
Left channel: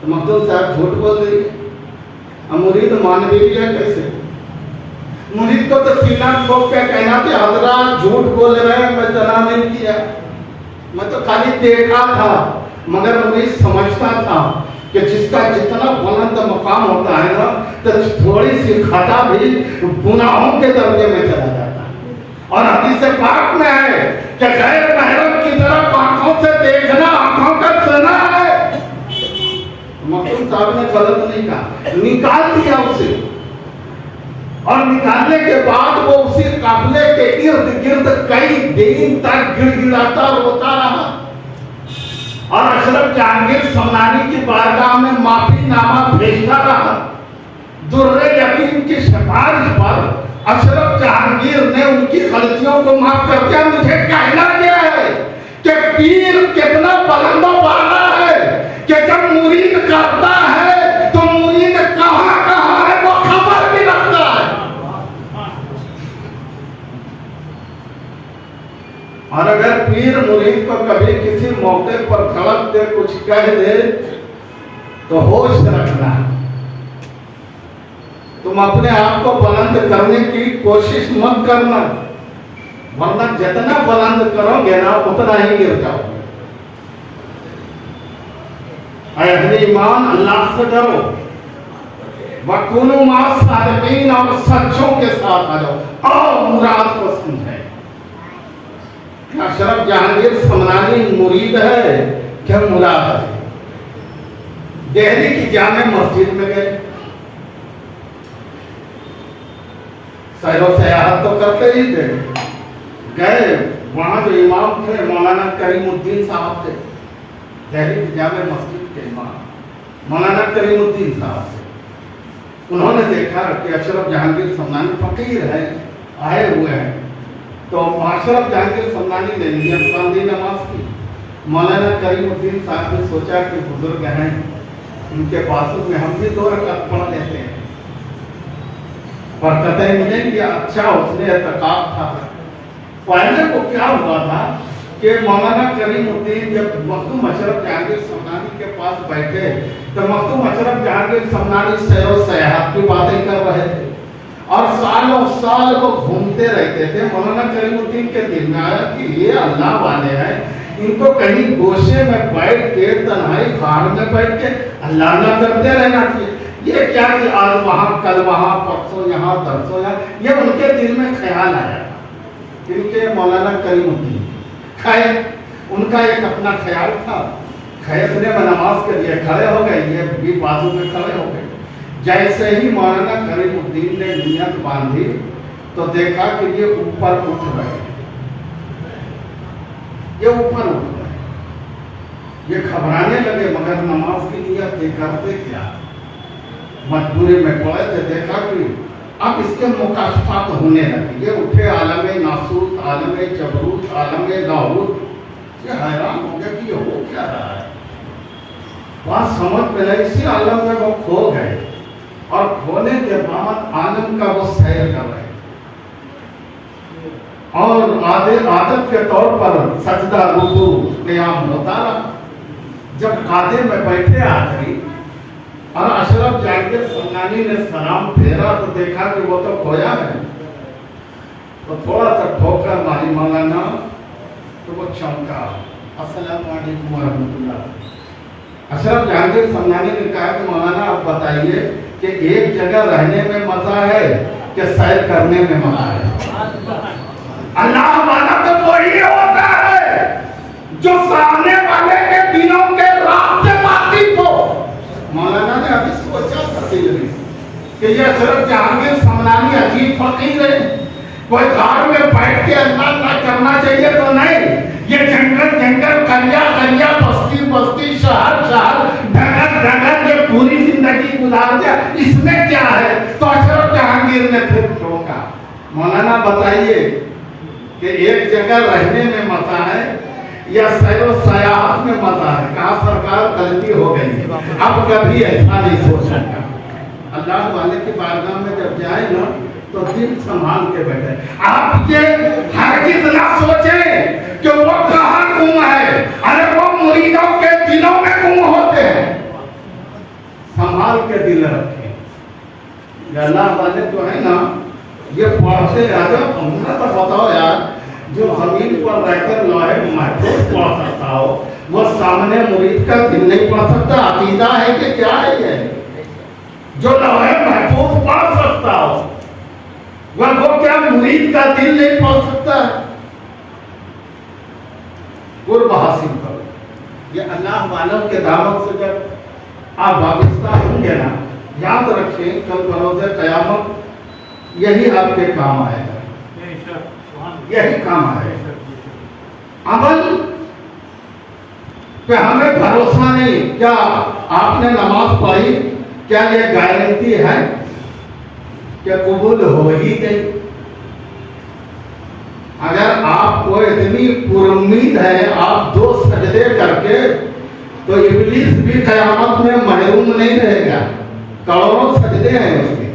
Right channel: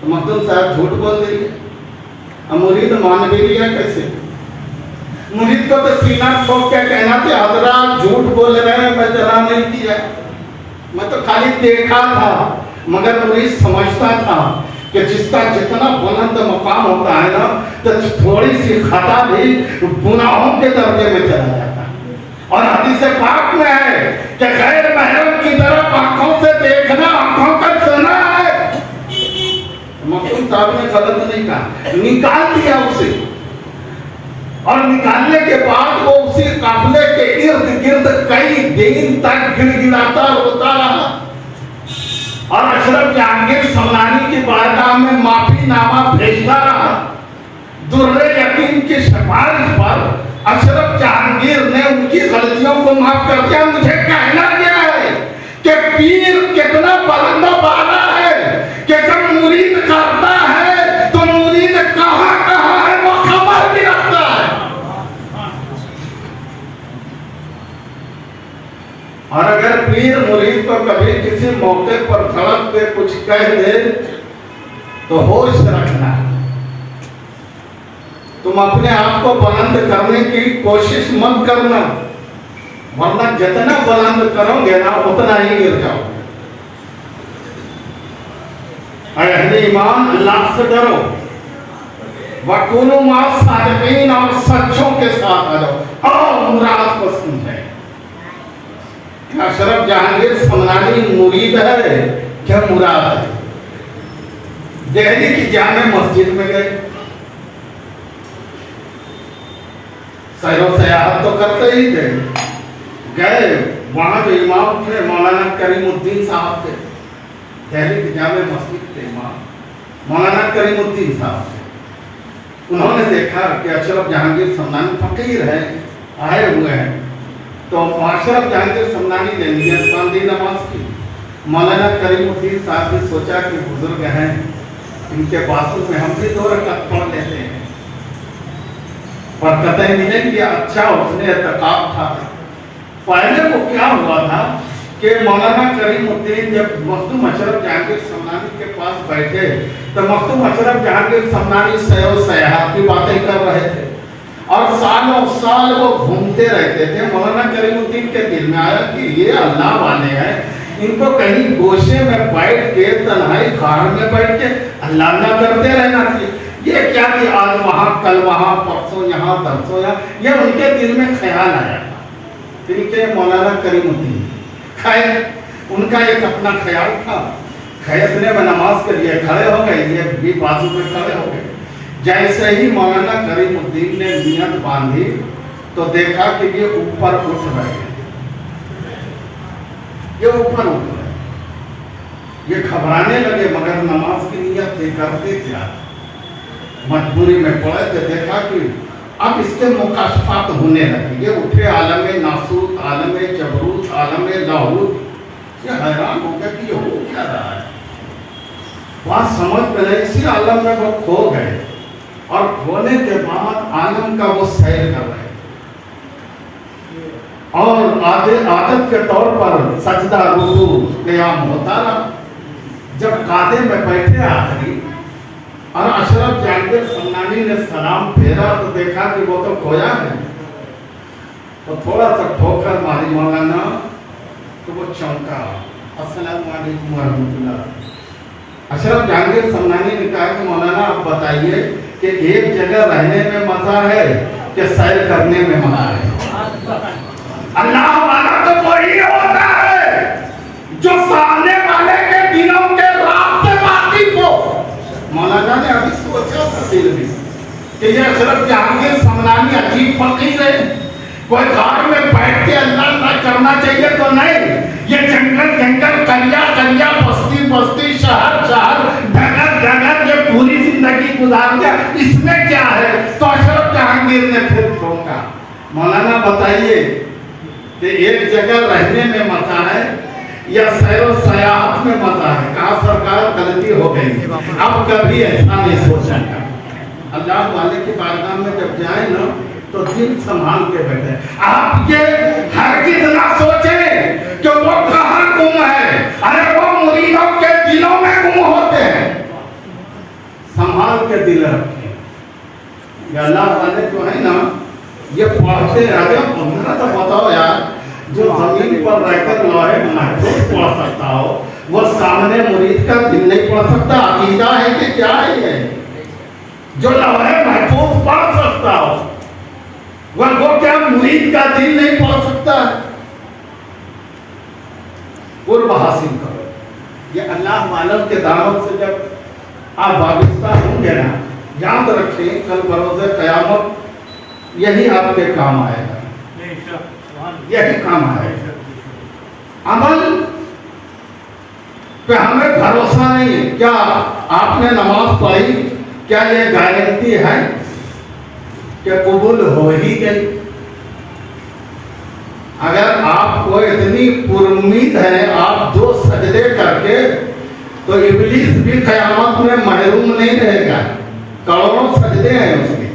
तो मखदूम साहब झूठ बोल रही है। अब मुरीद मान भी लिया कैसे? मुरीद को तो सीना ठोक के कहना कि हजरत झूठ बोल रहे हैं, मैं ज़ना नहीं किया, मैं तो खाली देखा था। मगर मुरीद समझता था कि जिसका जितना बुलंद मकाम होता है ना, तो थोड़ी सी खता भी गुनाहों के दर्जे में चला जाता है। और हदीस पाक में है कि गैर महरम की तरफ आंखों से देखना आंखों का ज़ना है। मखदूम साहब ने गलत नहीं कहा, निकाल दिया उसे और निकालने के बाद वो उसी काफिले के इर्द गिर्द कई दिन तक गिड़गिड़ाता रोता रहा और अशरफ जहांगीर समनानी की बारगाह में माफीनामा भेजता रहा। दुर्रे यकीन की सिफारिश पर अशरफ जहांगीर ने उनकी गलतियों को माफ कर दिया। मुझे कहना यह है कि पीर कितना बुलंदा बाला है कि जब मुरीद करता है तो मुरीद कहां कहां है वो खबर भी रखता है। और अगर पीर मुरीद को कभी किसी मौके पर खड़क के कुछ कह दे तो होश रखना, तुम अपने आप को बुलंद करने की कोशिश मत करना, वरना जितना बुलंद करोगे ना उतना ही गिर जाओगे। अहले ईमान अल्लाह से डरो, वकुनु मा सादिकीन, और सच्चों के साथ रहो और मुराद को समझे। अशरफ जहांगीर समनानी मुरीद है क्या मुराद है? दिल्ली की जामे मस्जिद में गए, सैरो सयाहत तो करते ही थे, गए वहां जो इमाम थे मौलाना करीमुद्दीन साहब थे, दिल्ली की जामे मस्जिद के इमाम मौलाना करीमुद्दीन साहब थे। उन्होंने देखा कि अशरफ जहांगीर समनानी फकीर है, आए हुए हैं, तो अशरफ जहांगीर समनानी ने नियत बांधी नमाज की। मौलाना करीमुद्दीन साहब ने सोचा कि बुजुर्ग हैं, इनके बाजू में हम भी 2 रकात पढ़ लेते हैं, पर कतई नहीं कि अच्छा उसने एतकाब था। पहले वो क्या हुआ था कि मौलाना करीमुद्दीन जब मखदूम अशरफ जहांगीर समनानी के पास बैठे तो मखदूम अशरफ जहांगीर समनानी सैर सयाहत की बातें कर रहे थे और सालों साल वो घूमते रहते थे। मौलाना करीमुद्दीन के दिल में आया कि ये अल्लाह वाले हैं, इनको कहीं गोशे में बैठ के तन्हाई खार में बैठ के अल्लाह अल्लाह करते रहना चाहिए। ये क्या कि आज वहां कल वहां परसों यहाँ तरसों यहाँ, ये उनके दिल में ख्याल आया। इनके मौलाना करीमुद्दीन खैर उनका एक अपना ख्याल था, खैरने में नमाज के लिए खड़े हो गए, ये भी बाजू में खड़े हो गए। जैसे ही मौलाना करीमुद्दीन ने नियत बांधी तो देखा कि ये ऊपर उठ रहे हैं, ये ऊपर उठ रहे, ये घबराने लगे, मगर नमाज की नियत थे, करते क्या, मजबूरी में पड़े थे। देखा कि अब इसके मुकाशफात होने लगे, ये उठे आलम नासूत, आलम जबरूत, आलम लाहूत। ये हैरान हो गया कि ये हो क्या रहा है, बात समझ में नहीं। इसी आलम में वो खो गए और खोने के बाद आलम का वो सैर कर रहे और आदत के तौर पर सजदा रुकू क़याम होता रहा। जब कादे में बैठे आखिरी और अशरफ जहांगीर समनानी ने सलाम फेरा तो देखा कि वो तो खोया है, तो थोड़ा सा ठोकर मारी मौलाना, तो वो चौंका, अस्सलाम वालेकुम व रहमतुल्लाह। अशरफ जहांगीर समनानी ने कहा कि मौलाना आप बताइए कि एक जगह रहने में मजा है कि सैर करने में मजा है? अल्लाह वाला तो वही होता है जो सामने वाले के दिलों के रास्ते वाकिफ हो। मौलाना ने अभी सोचा था दिल में कि ये अशरफ जहांगीर समनानी अजीब फकीर है, कोई घर में बैठ के अल्लाह ना करना चाहिए तो नहीं, ये जंगल जंगल, कलिया कलिया, बस्ती बस्ती, शहर शहर, जगह जगह, ये पूरी जिंदगी गुजार दिया, इसमें क्या है? तो अशरफ जहांगीर ने फिर टोका, मौलाना बताइए कि एक जगह रहने में मजा है या सैर सयाहत में मजा है? कहा सरकार गलती हो गई, अब कभी ऐसा नहीं सोचा। अल्लाह वाले की बारगाह में जब जाए ना तो दिल संभाल के बैठे। आप ये हरगिज़ ना सोचे कि वो कहाँ गुम है, अरे वो मुरीदों के दिलों में गुम होते हैं। संभाल के दिल रखें। अल्लाह वाले जो है ना ये पढ़ते रहे। हमरा तो बताओ यार, जो जमीन पर रहकर लोहे महफूज पढ़ सकता हो वो सामने मुरीद का दिल नहीं पढ़ सकता? अकीदा है कि क्या है ये? जो लोहे महफूज पढ़ सकता हो वो क्या मुरीद का दिल नहीं पढ़ सकता? कुर्ब हासिल करो। ये अल्लाह वालों के दावत से जब आप वाबिस्ता होंगे ना, याद रखें कल बरोज़े क़यामत यही आपके काम आएगा, यही काम आएगा। अमल पे हमें भरोसा नहीं। क्या आपने नमाज पढ़ी, क्या ये गारंटी है कि कबूल हो ही गई? अगर आपको इतनी पुरुम्मीद है आप 2 सजदे करके, तो इब्लीस भी क़यामत में महरूम नहीं रहेगा। करोड़ों सजदे हैं उसके।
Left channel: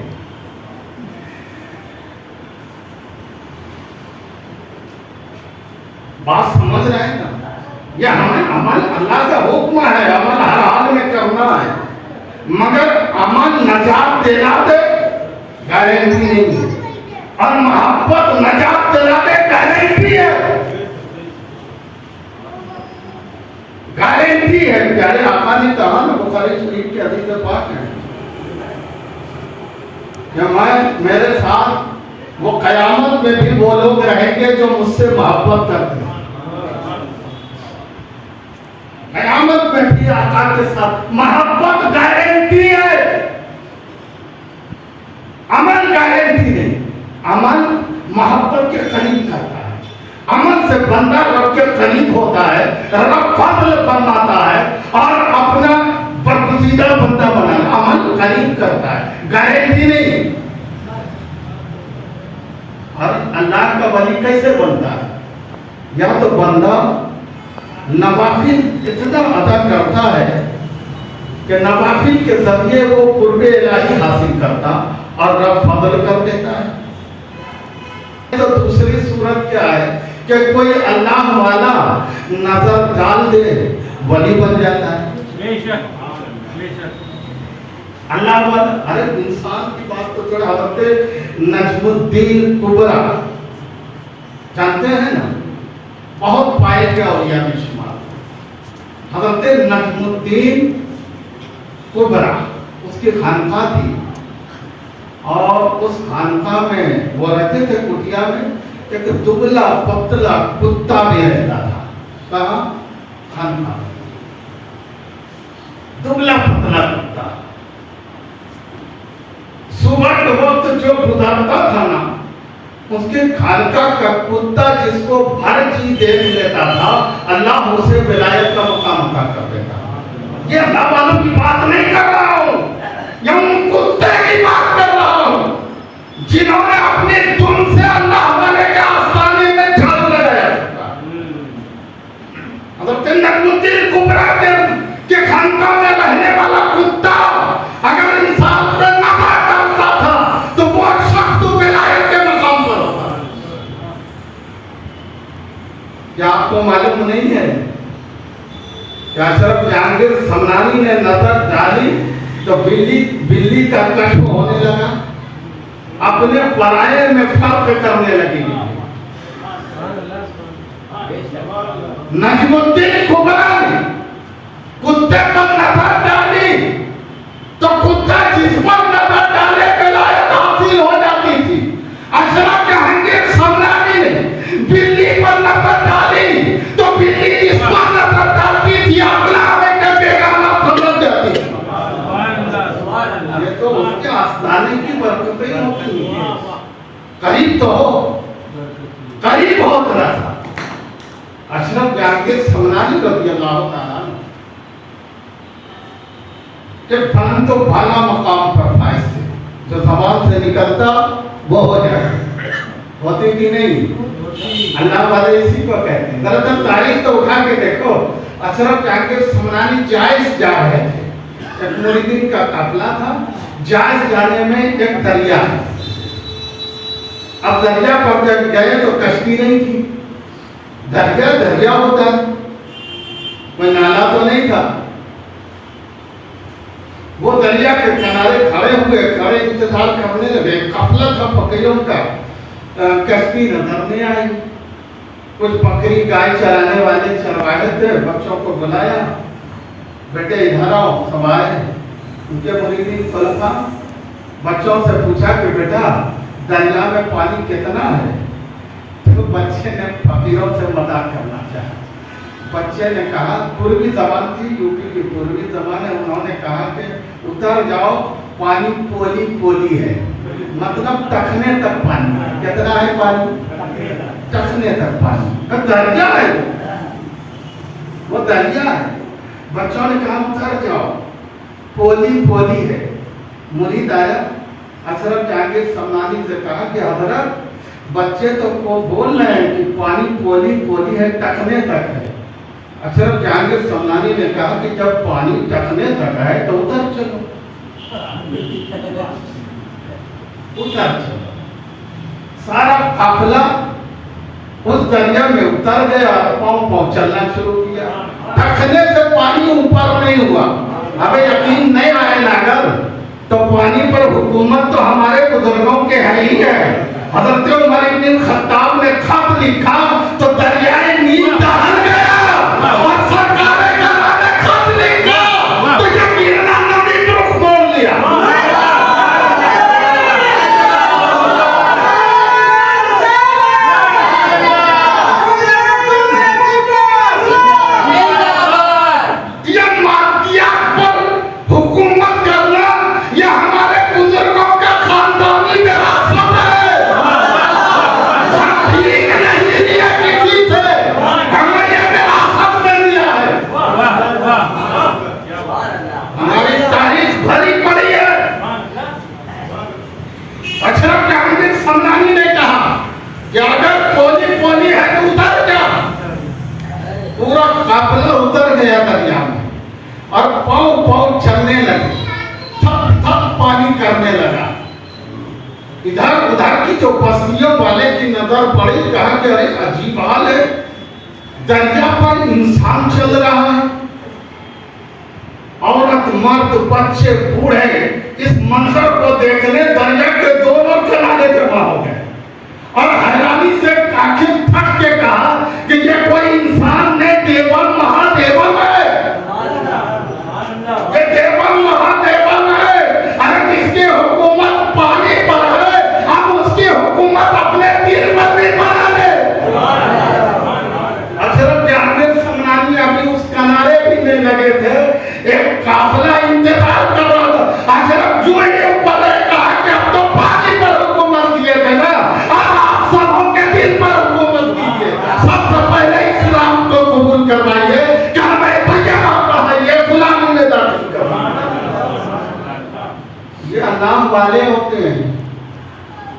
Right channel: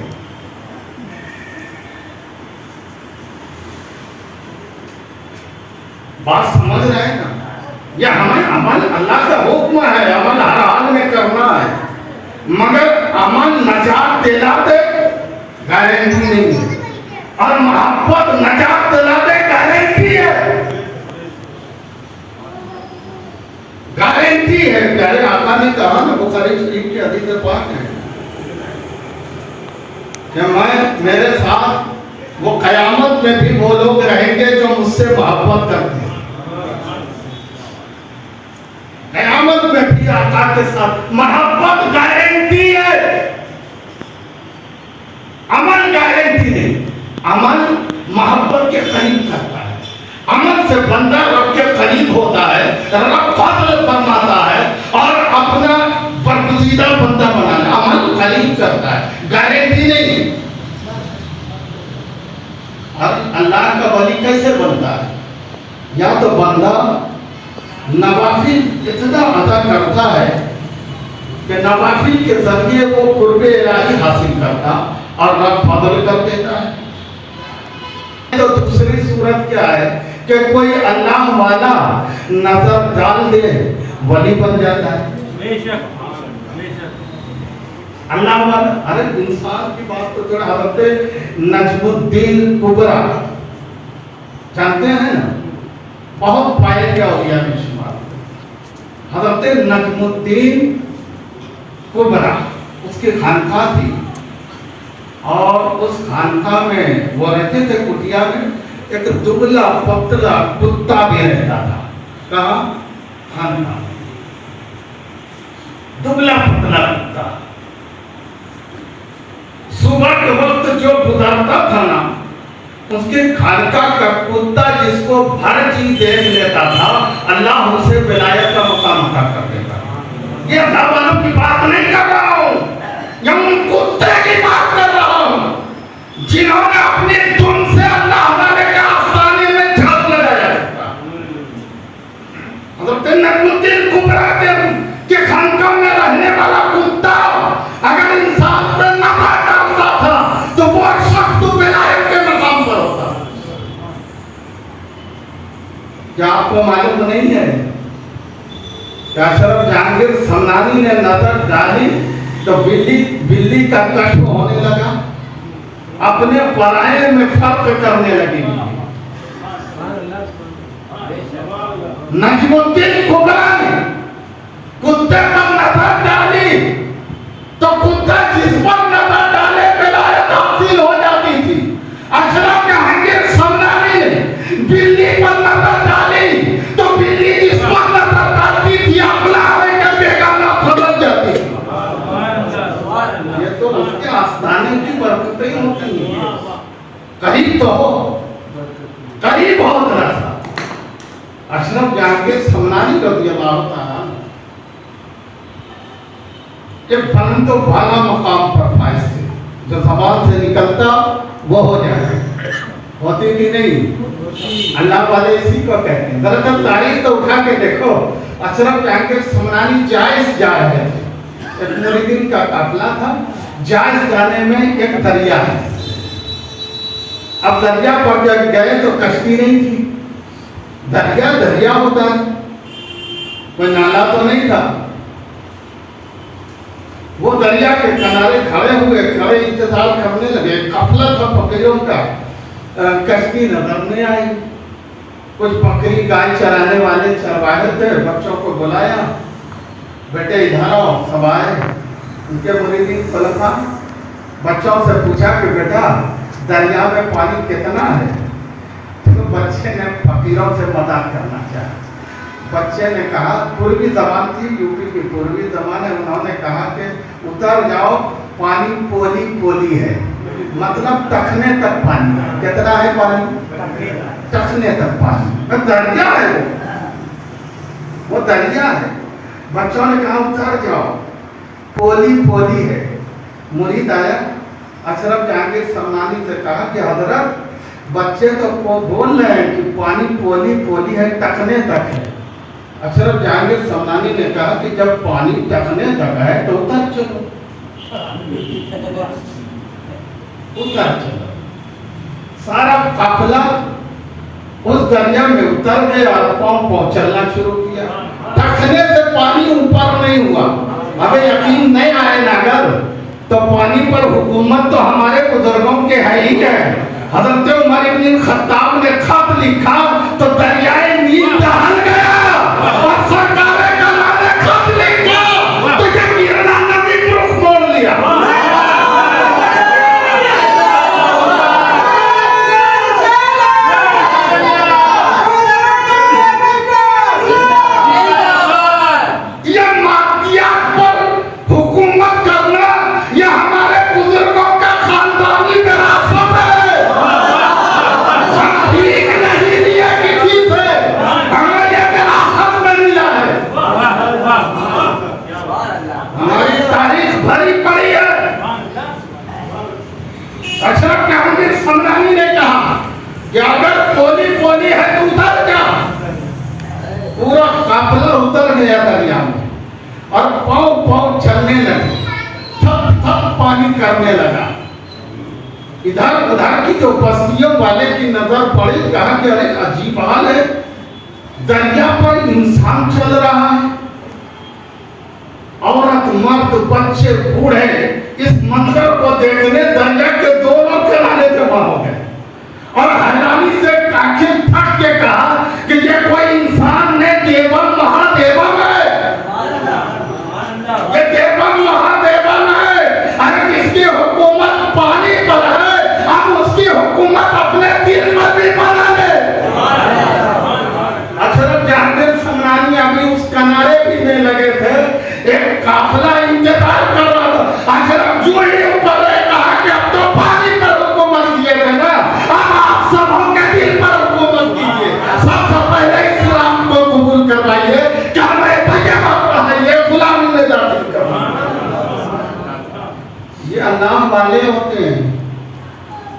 बात समझ रहे हैं ना? यह हमें अमल, अल्लाह का हुक्म है, अमल हर हाल में करना है, मगर अमल नजात दिला दे गारंटी नहीं है, और मोहब्बत नजात दिला दे गारंटी है। गारंटी है। प्यारे आका ने कहा ना, बुखारी शरीफ की हदीस पाक है कि मैं, मेरे साथ वो कयामत में भी वो लोग रहेंगे जो मुझसे मोहब्बत करते हैं। कयामत में भी आका के साथ मोहब्बत गारंटी है, अमल गारंटी नहीं। अमल मोहब्बत के करीब करता है, अमल से बंदा रब के करीब होता है, रब फजल फरमाता है और अपना बरगुज़ीदा बंदा बनाना। अमल करीब करता है, गारंटी नहीं। और अल्लाह का वली कैसे बनता है? या तो बंदा नवाफिल इतना अदा करता है कि नवाफिल के जरिए वो कुर्बे इलाही हासिल करता और रब फजल कर देता है। तो दूसरी सूरत क्या है कि कोई अल्लाह वाला नजर डाल दे, वली बन जाता है। अल्लाह वाला, अरे इंसान की बात तो जरा हजरत नजमुद्दीन कुबरा जानते हैं ना, बहुत पाए क्या हो गया मिशमार। हजरत नजमुद्दीन कुबरा उसकी खानका थी, और उस खानका में वो रहते थे कुटिया में, एक दुबला पतला कुत्ता भी रहता था। कहाँ? खानका। दुबला पतला कुत्ता सुबह के वक्त जो गुजरता था ना, उसके खानका का कुत्ता जिसको भर चीज देख लेता था, अल्लाह उसे विलायत का मकाम अता कर देता। ये अल्लाह वालों की बात नहीं कर रहा हूं, ये उन कुत्ते की बात कर रहा हूं जिन्होंने अपने दुम से अल्लाह वाले के आस्थाने में झाग लगाया था। हज़रत नजमुद्दीन कुबरा के खानका में रहने वाला कुत्ता अगर इंसान पे नफरत करता था तो वो शख्स विलायत के मकाम पर होता। क्या आपको मालूम नहीं है कि अशरफ जहांगीर समनानी ने नजर डाली तो बिल्ली का कष्ट होने लगा, अपने पराये में फर्क करने लगी। नजमुद्दीन कुबरा ने कुत्ते पर नजर डाली तो कुत्ता जिस पर नजर डाले विलायत हासिल हो जाती थी। अशरफ जहांगीर समनानी ने बिल्ली पर नजर डाली तो बिल्ली जिस पर नजर डालती थी अपना के बेगाना समझ जाती। ये तो उसके आस्थाने की बरकतें होती हैं। करीब तो हो, करीब हो जरा सा। अशरफ जहांगीर समनानी रज़ियल्लाहु ताला के फन तो भाला मकाम पर फाइज थे, जो जबान से निकलता वो हो जाए, होती कि नहीं? अल्लाह वाले इसी को कहते हैं। दरअसल तारीख तो उठा के देखो, अशरफ जहांगीर समनानी जायज जा रहे थे, एक मुरीदीन का काफिला था, जायज जाने में एक दरिया है। अब दरिया पर जब गए तो कश्ती नहीं थी, दरिया होता, कोई नाला तो नहीं था। वो दरिया के किनारे खड़े इंतजार करने लगे। काफिला था बकरियों का, कश्ती नजर नहीं आई। कुछ बकरी गाय चराने वाले चरवाहे थे, बच्चों को बुलाया, बेटे इधर आओ, सब आए। उनके मुरीदीन खलीफा बच्चों से पूछा कि बेटा दरिया में पानी कितना है? तो बच्चे ने फकीरों से मजाक करना चाहा। बच्चे ने कहा, पूर्वी जबान थी, यूपी की पूर्वी जबान है, उन्होंने कहा कि उतर जाओ पानी पोली पोली है, मतलब टखने तक पानी है। कितना है पानी? टखने तक पानी। तो दरिया है वो दरिया है। बच्चों ने कहा उतर जाओ, पोली पोली है। मुरीद आया, अशरफ जहांगीर सम्मानी से कहा कि हजरत बच्चे तो को बोल रहे हैं कि पानी पोली पोली है, टखने तक है। अशरफ जहांगीर सम्मानी ने कहा कि जब पानी टखने तक है तो उतर चलो, उतर चलो। सारा काफिला उस दरिया में उतर गया और पाँव चलना शुरू किया। टखने से पानी ऊपर नहीं हुआ। अबे यकीन नहीं आए नागर, तो पानी पर हुकूमत तो हमारे बुजुर्गों के है ही है। हज़रत उमर इब्न खत्ताब ने खत लिखा तो दरियाए नील दहल गया, और सरकारे कला ने खत लिखा तो ये गिरना नदी को रुख मोड़ लिया। ये मादियात पर हुकूमत करना ये हमारे बुजुर्गों का खानदानी विरासत है। ठीक नहीं लिया किसी से, हमने ये विरासत में लिया है। हमारी तारीख भरी पड़ी है। अशरफ जहांगीर सम्मानी ने कहा कि अगर पोली पोली है तो उतर जा। पूरा काफिला उतर गया दरिया में और पाँव पाँव चलने लगे, थप थप पानी करने लगा। इधर उधर की जो बस्तियों वाले की नजर पड़ी, कहा कि अरे अजीब हाल है, दरिया पर इंसान चल रहा है, औरत मर्द बच्चे बूढ़े इस मंजर को देखने दरिया के दोनों किनारे जमा हो गए और हैरानी से आंखें फट के कहा कि ये कोई इंसान नहीं, देवन महादेवन है, ये देवन महादेवन है। अरे जिसकी हुकूमत पानी पर है, हम उसकी हुकूमत अपने दिल में भी बना ले। अशरफ जहांगीर सम्मानी अभी उस किनारे भी नहीं लगे थे, एक काफिला इंतजार कर रहा था। अशरफ जो ही ऊपर है, कहा कि अब तो पानी पर हुकूमत किए थे ना, अब आप सबों के दिल पर हुकूमत कीजिए। सबसे पहले इस्लाम को कबूल करवाइए, क्या मैं भैया पढ़ाइए, गुलामी में दाखिल करवाइए। ये अल्लाह वाले होते हैं,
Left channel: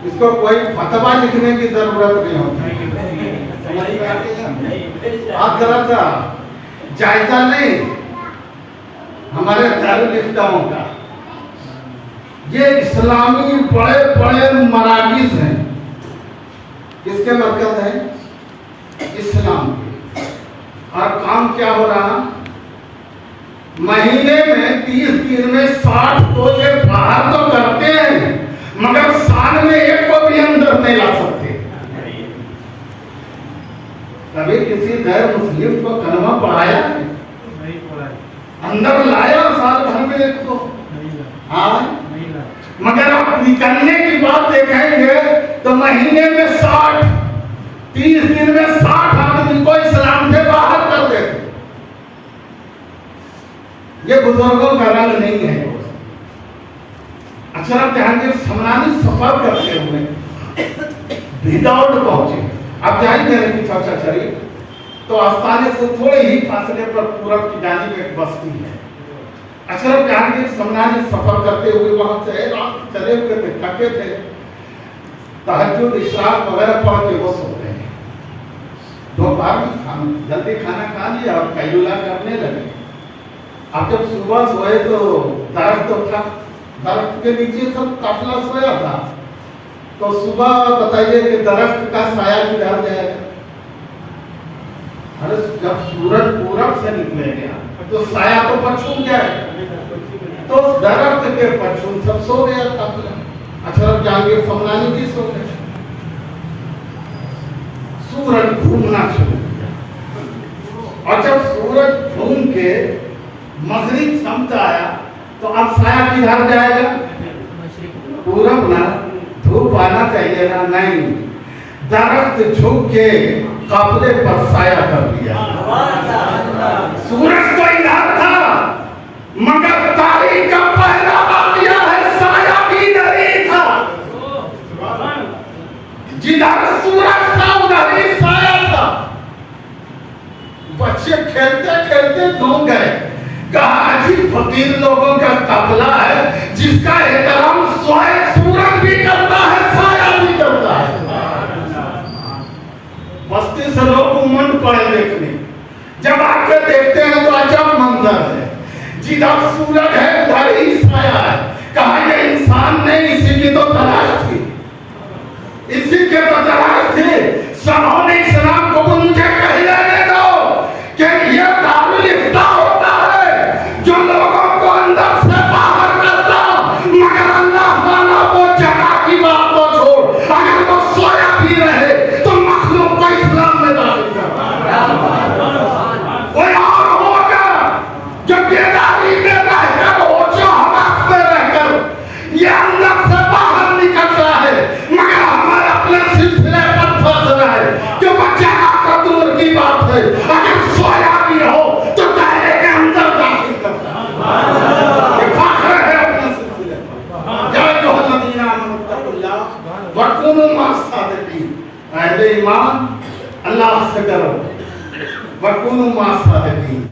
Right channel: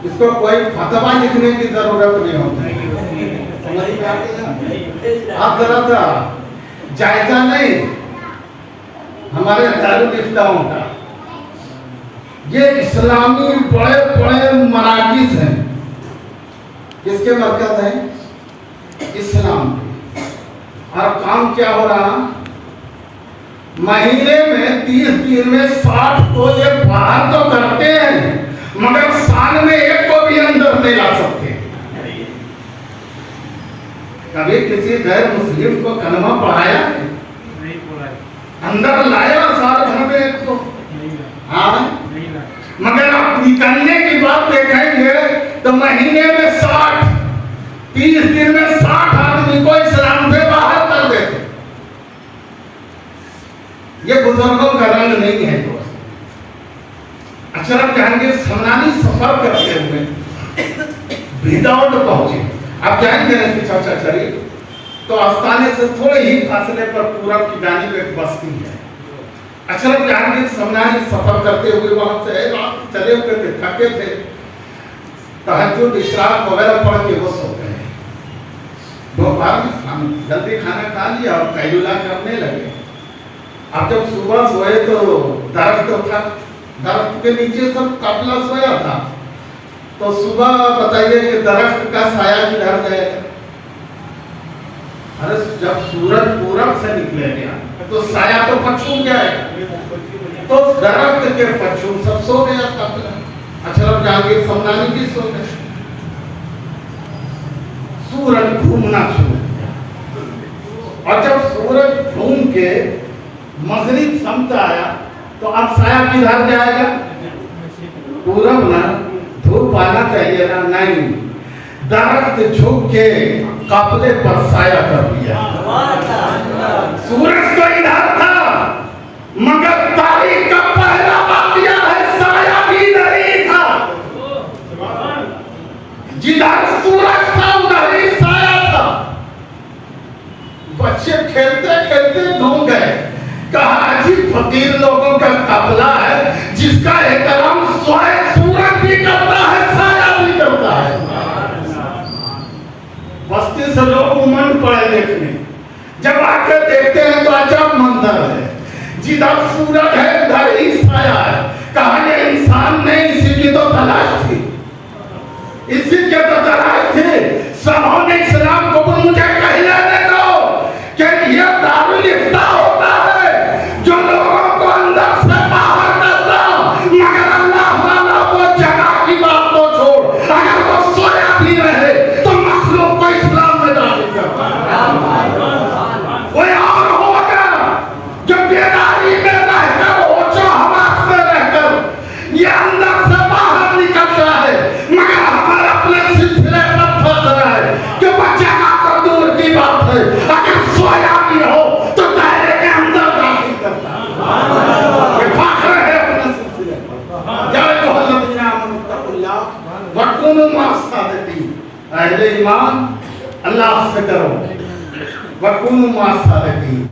इसको कोई फतवा लिखने की जरूरत नहीं होती। आप जरा सा जायजा नहीं हमारे दारुल-इफ्ताओं का। ये इस्लामी बड़े बड़े मराकिज हैं, किसके मरकज है? इस्लाम के। और काम क्या हो रहा? महीने में 30 दिन में 60 को ये बाहर तो करते हैं, मगर साल में एक को भी अंदर नहीं ला सकते। कभी किसी गैर मुस्लिम को कलमा पढ़ाया? अंदर लाया साल भर में एक को? हाँ, मगर आप निकलने की बात देखेंगे तो महीने में 60, 30 दिन में 60 आदमी को इस्लाम से बाहर कर देते। ये बुजुर्गों का रंग नहीं है दोस्त। अशरफ जहांगीर सम्मानी सफर करते हुए भिदौड़ पहुंचे। अब जाएंगे की चर्चा करिए तो आस्थाने से थोड़े ही फासले पर पूरब की जानिब एक बस्ती है। अशरफ जहांगीर सम्मानी सफर करते हुए वहां से रात चले हुए थे, थके थे, तहज्जुद इशराक वगैरह पढ़ के वो सोते हैं। दोपहर में जल्दी खाना खा लिया और कैलुला करने लगे। अब जब सुबह सोए तो दरख्त उठा, दरख्त के नीचे सब काफिला सोया था। तो सुबह बताइए कि दरख्त का साया किधर गया? अरे जब सूरज पूरब से निकलेगा तो साया तो पश्चिम जाएगा, तो दरख्त के पश्चिम सब सो गया काफिला। अशरफ जहांगीर सम्मानी भी सो गए। सूरज घूमना शुरू किया और जब सूरज घूम के मगरिब समझ आया तो अब साया किधर जाएगा? पूरब ना, धूप आना चाहिए ना, नहीं, दरख्त झुक के काफिले पर साया कर दिया। सूरज तो इधर था, मगर तारीख का पहला वाक़या है खेलते खेलते डूब गए। कहा अजीब फकीर लोगों का काफिला है जिसका एहतराम स्वयं सूरज भी करता है, साया भी करता है। बस्ती से लोग उमंड पड़े देखने, जब आके देखते हैं तो अजब मंजर है, जिधर सूरज है उधर ही साया है। कहा ये इंसान नहीं, इसी की तो तलाश थी, इसी के तो तलाश थी। सनोने इस्लाम को मुझे कहने दे दो कि ये दारुल इफ्ता होता है जो लोगों को अंदर से बाहर करता, मगर अल्लाह ताला को जगह की बात को छोड़, अगर वो सोया भी रहे तो मखलूक को इस्लाम में दाखिल करता है। कोई और होगा जो बेदारी में रहकर, होशो हवास में रहकर ये अंदर से बाहर निकलता है, मगर हमारे अपने सिलसिले पर फंस रहा है कि वो जगह तो दूर की बात है, अगर सोया भी हो तो दायरे के अंदर दाखिल करता है। ये फख्र है अपने सिलसिले पर। या अय्युहल्लज़ीना आमनू तक़ुल्लाह वकुनू मअस-सादिक़ीन। अहले ईमान अल्लाह से करो, वकुनू मअस-सादिक़ीन।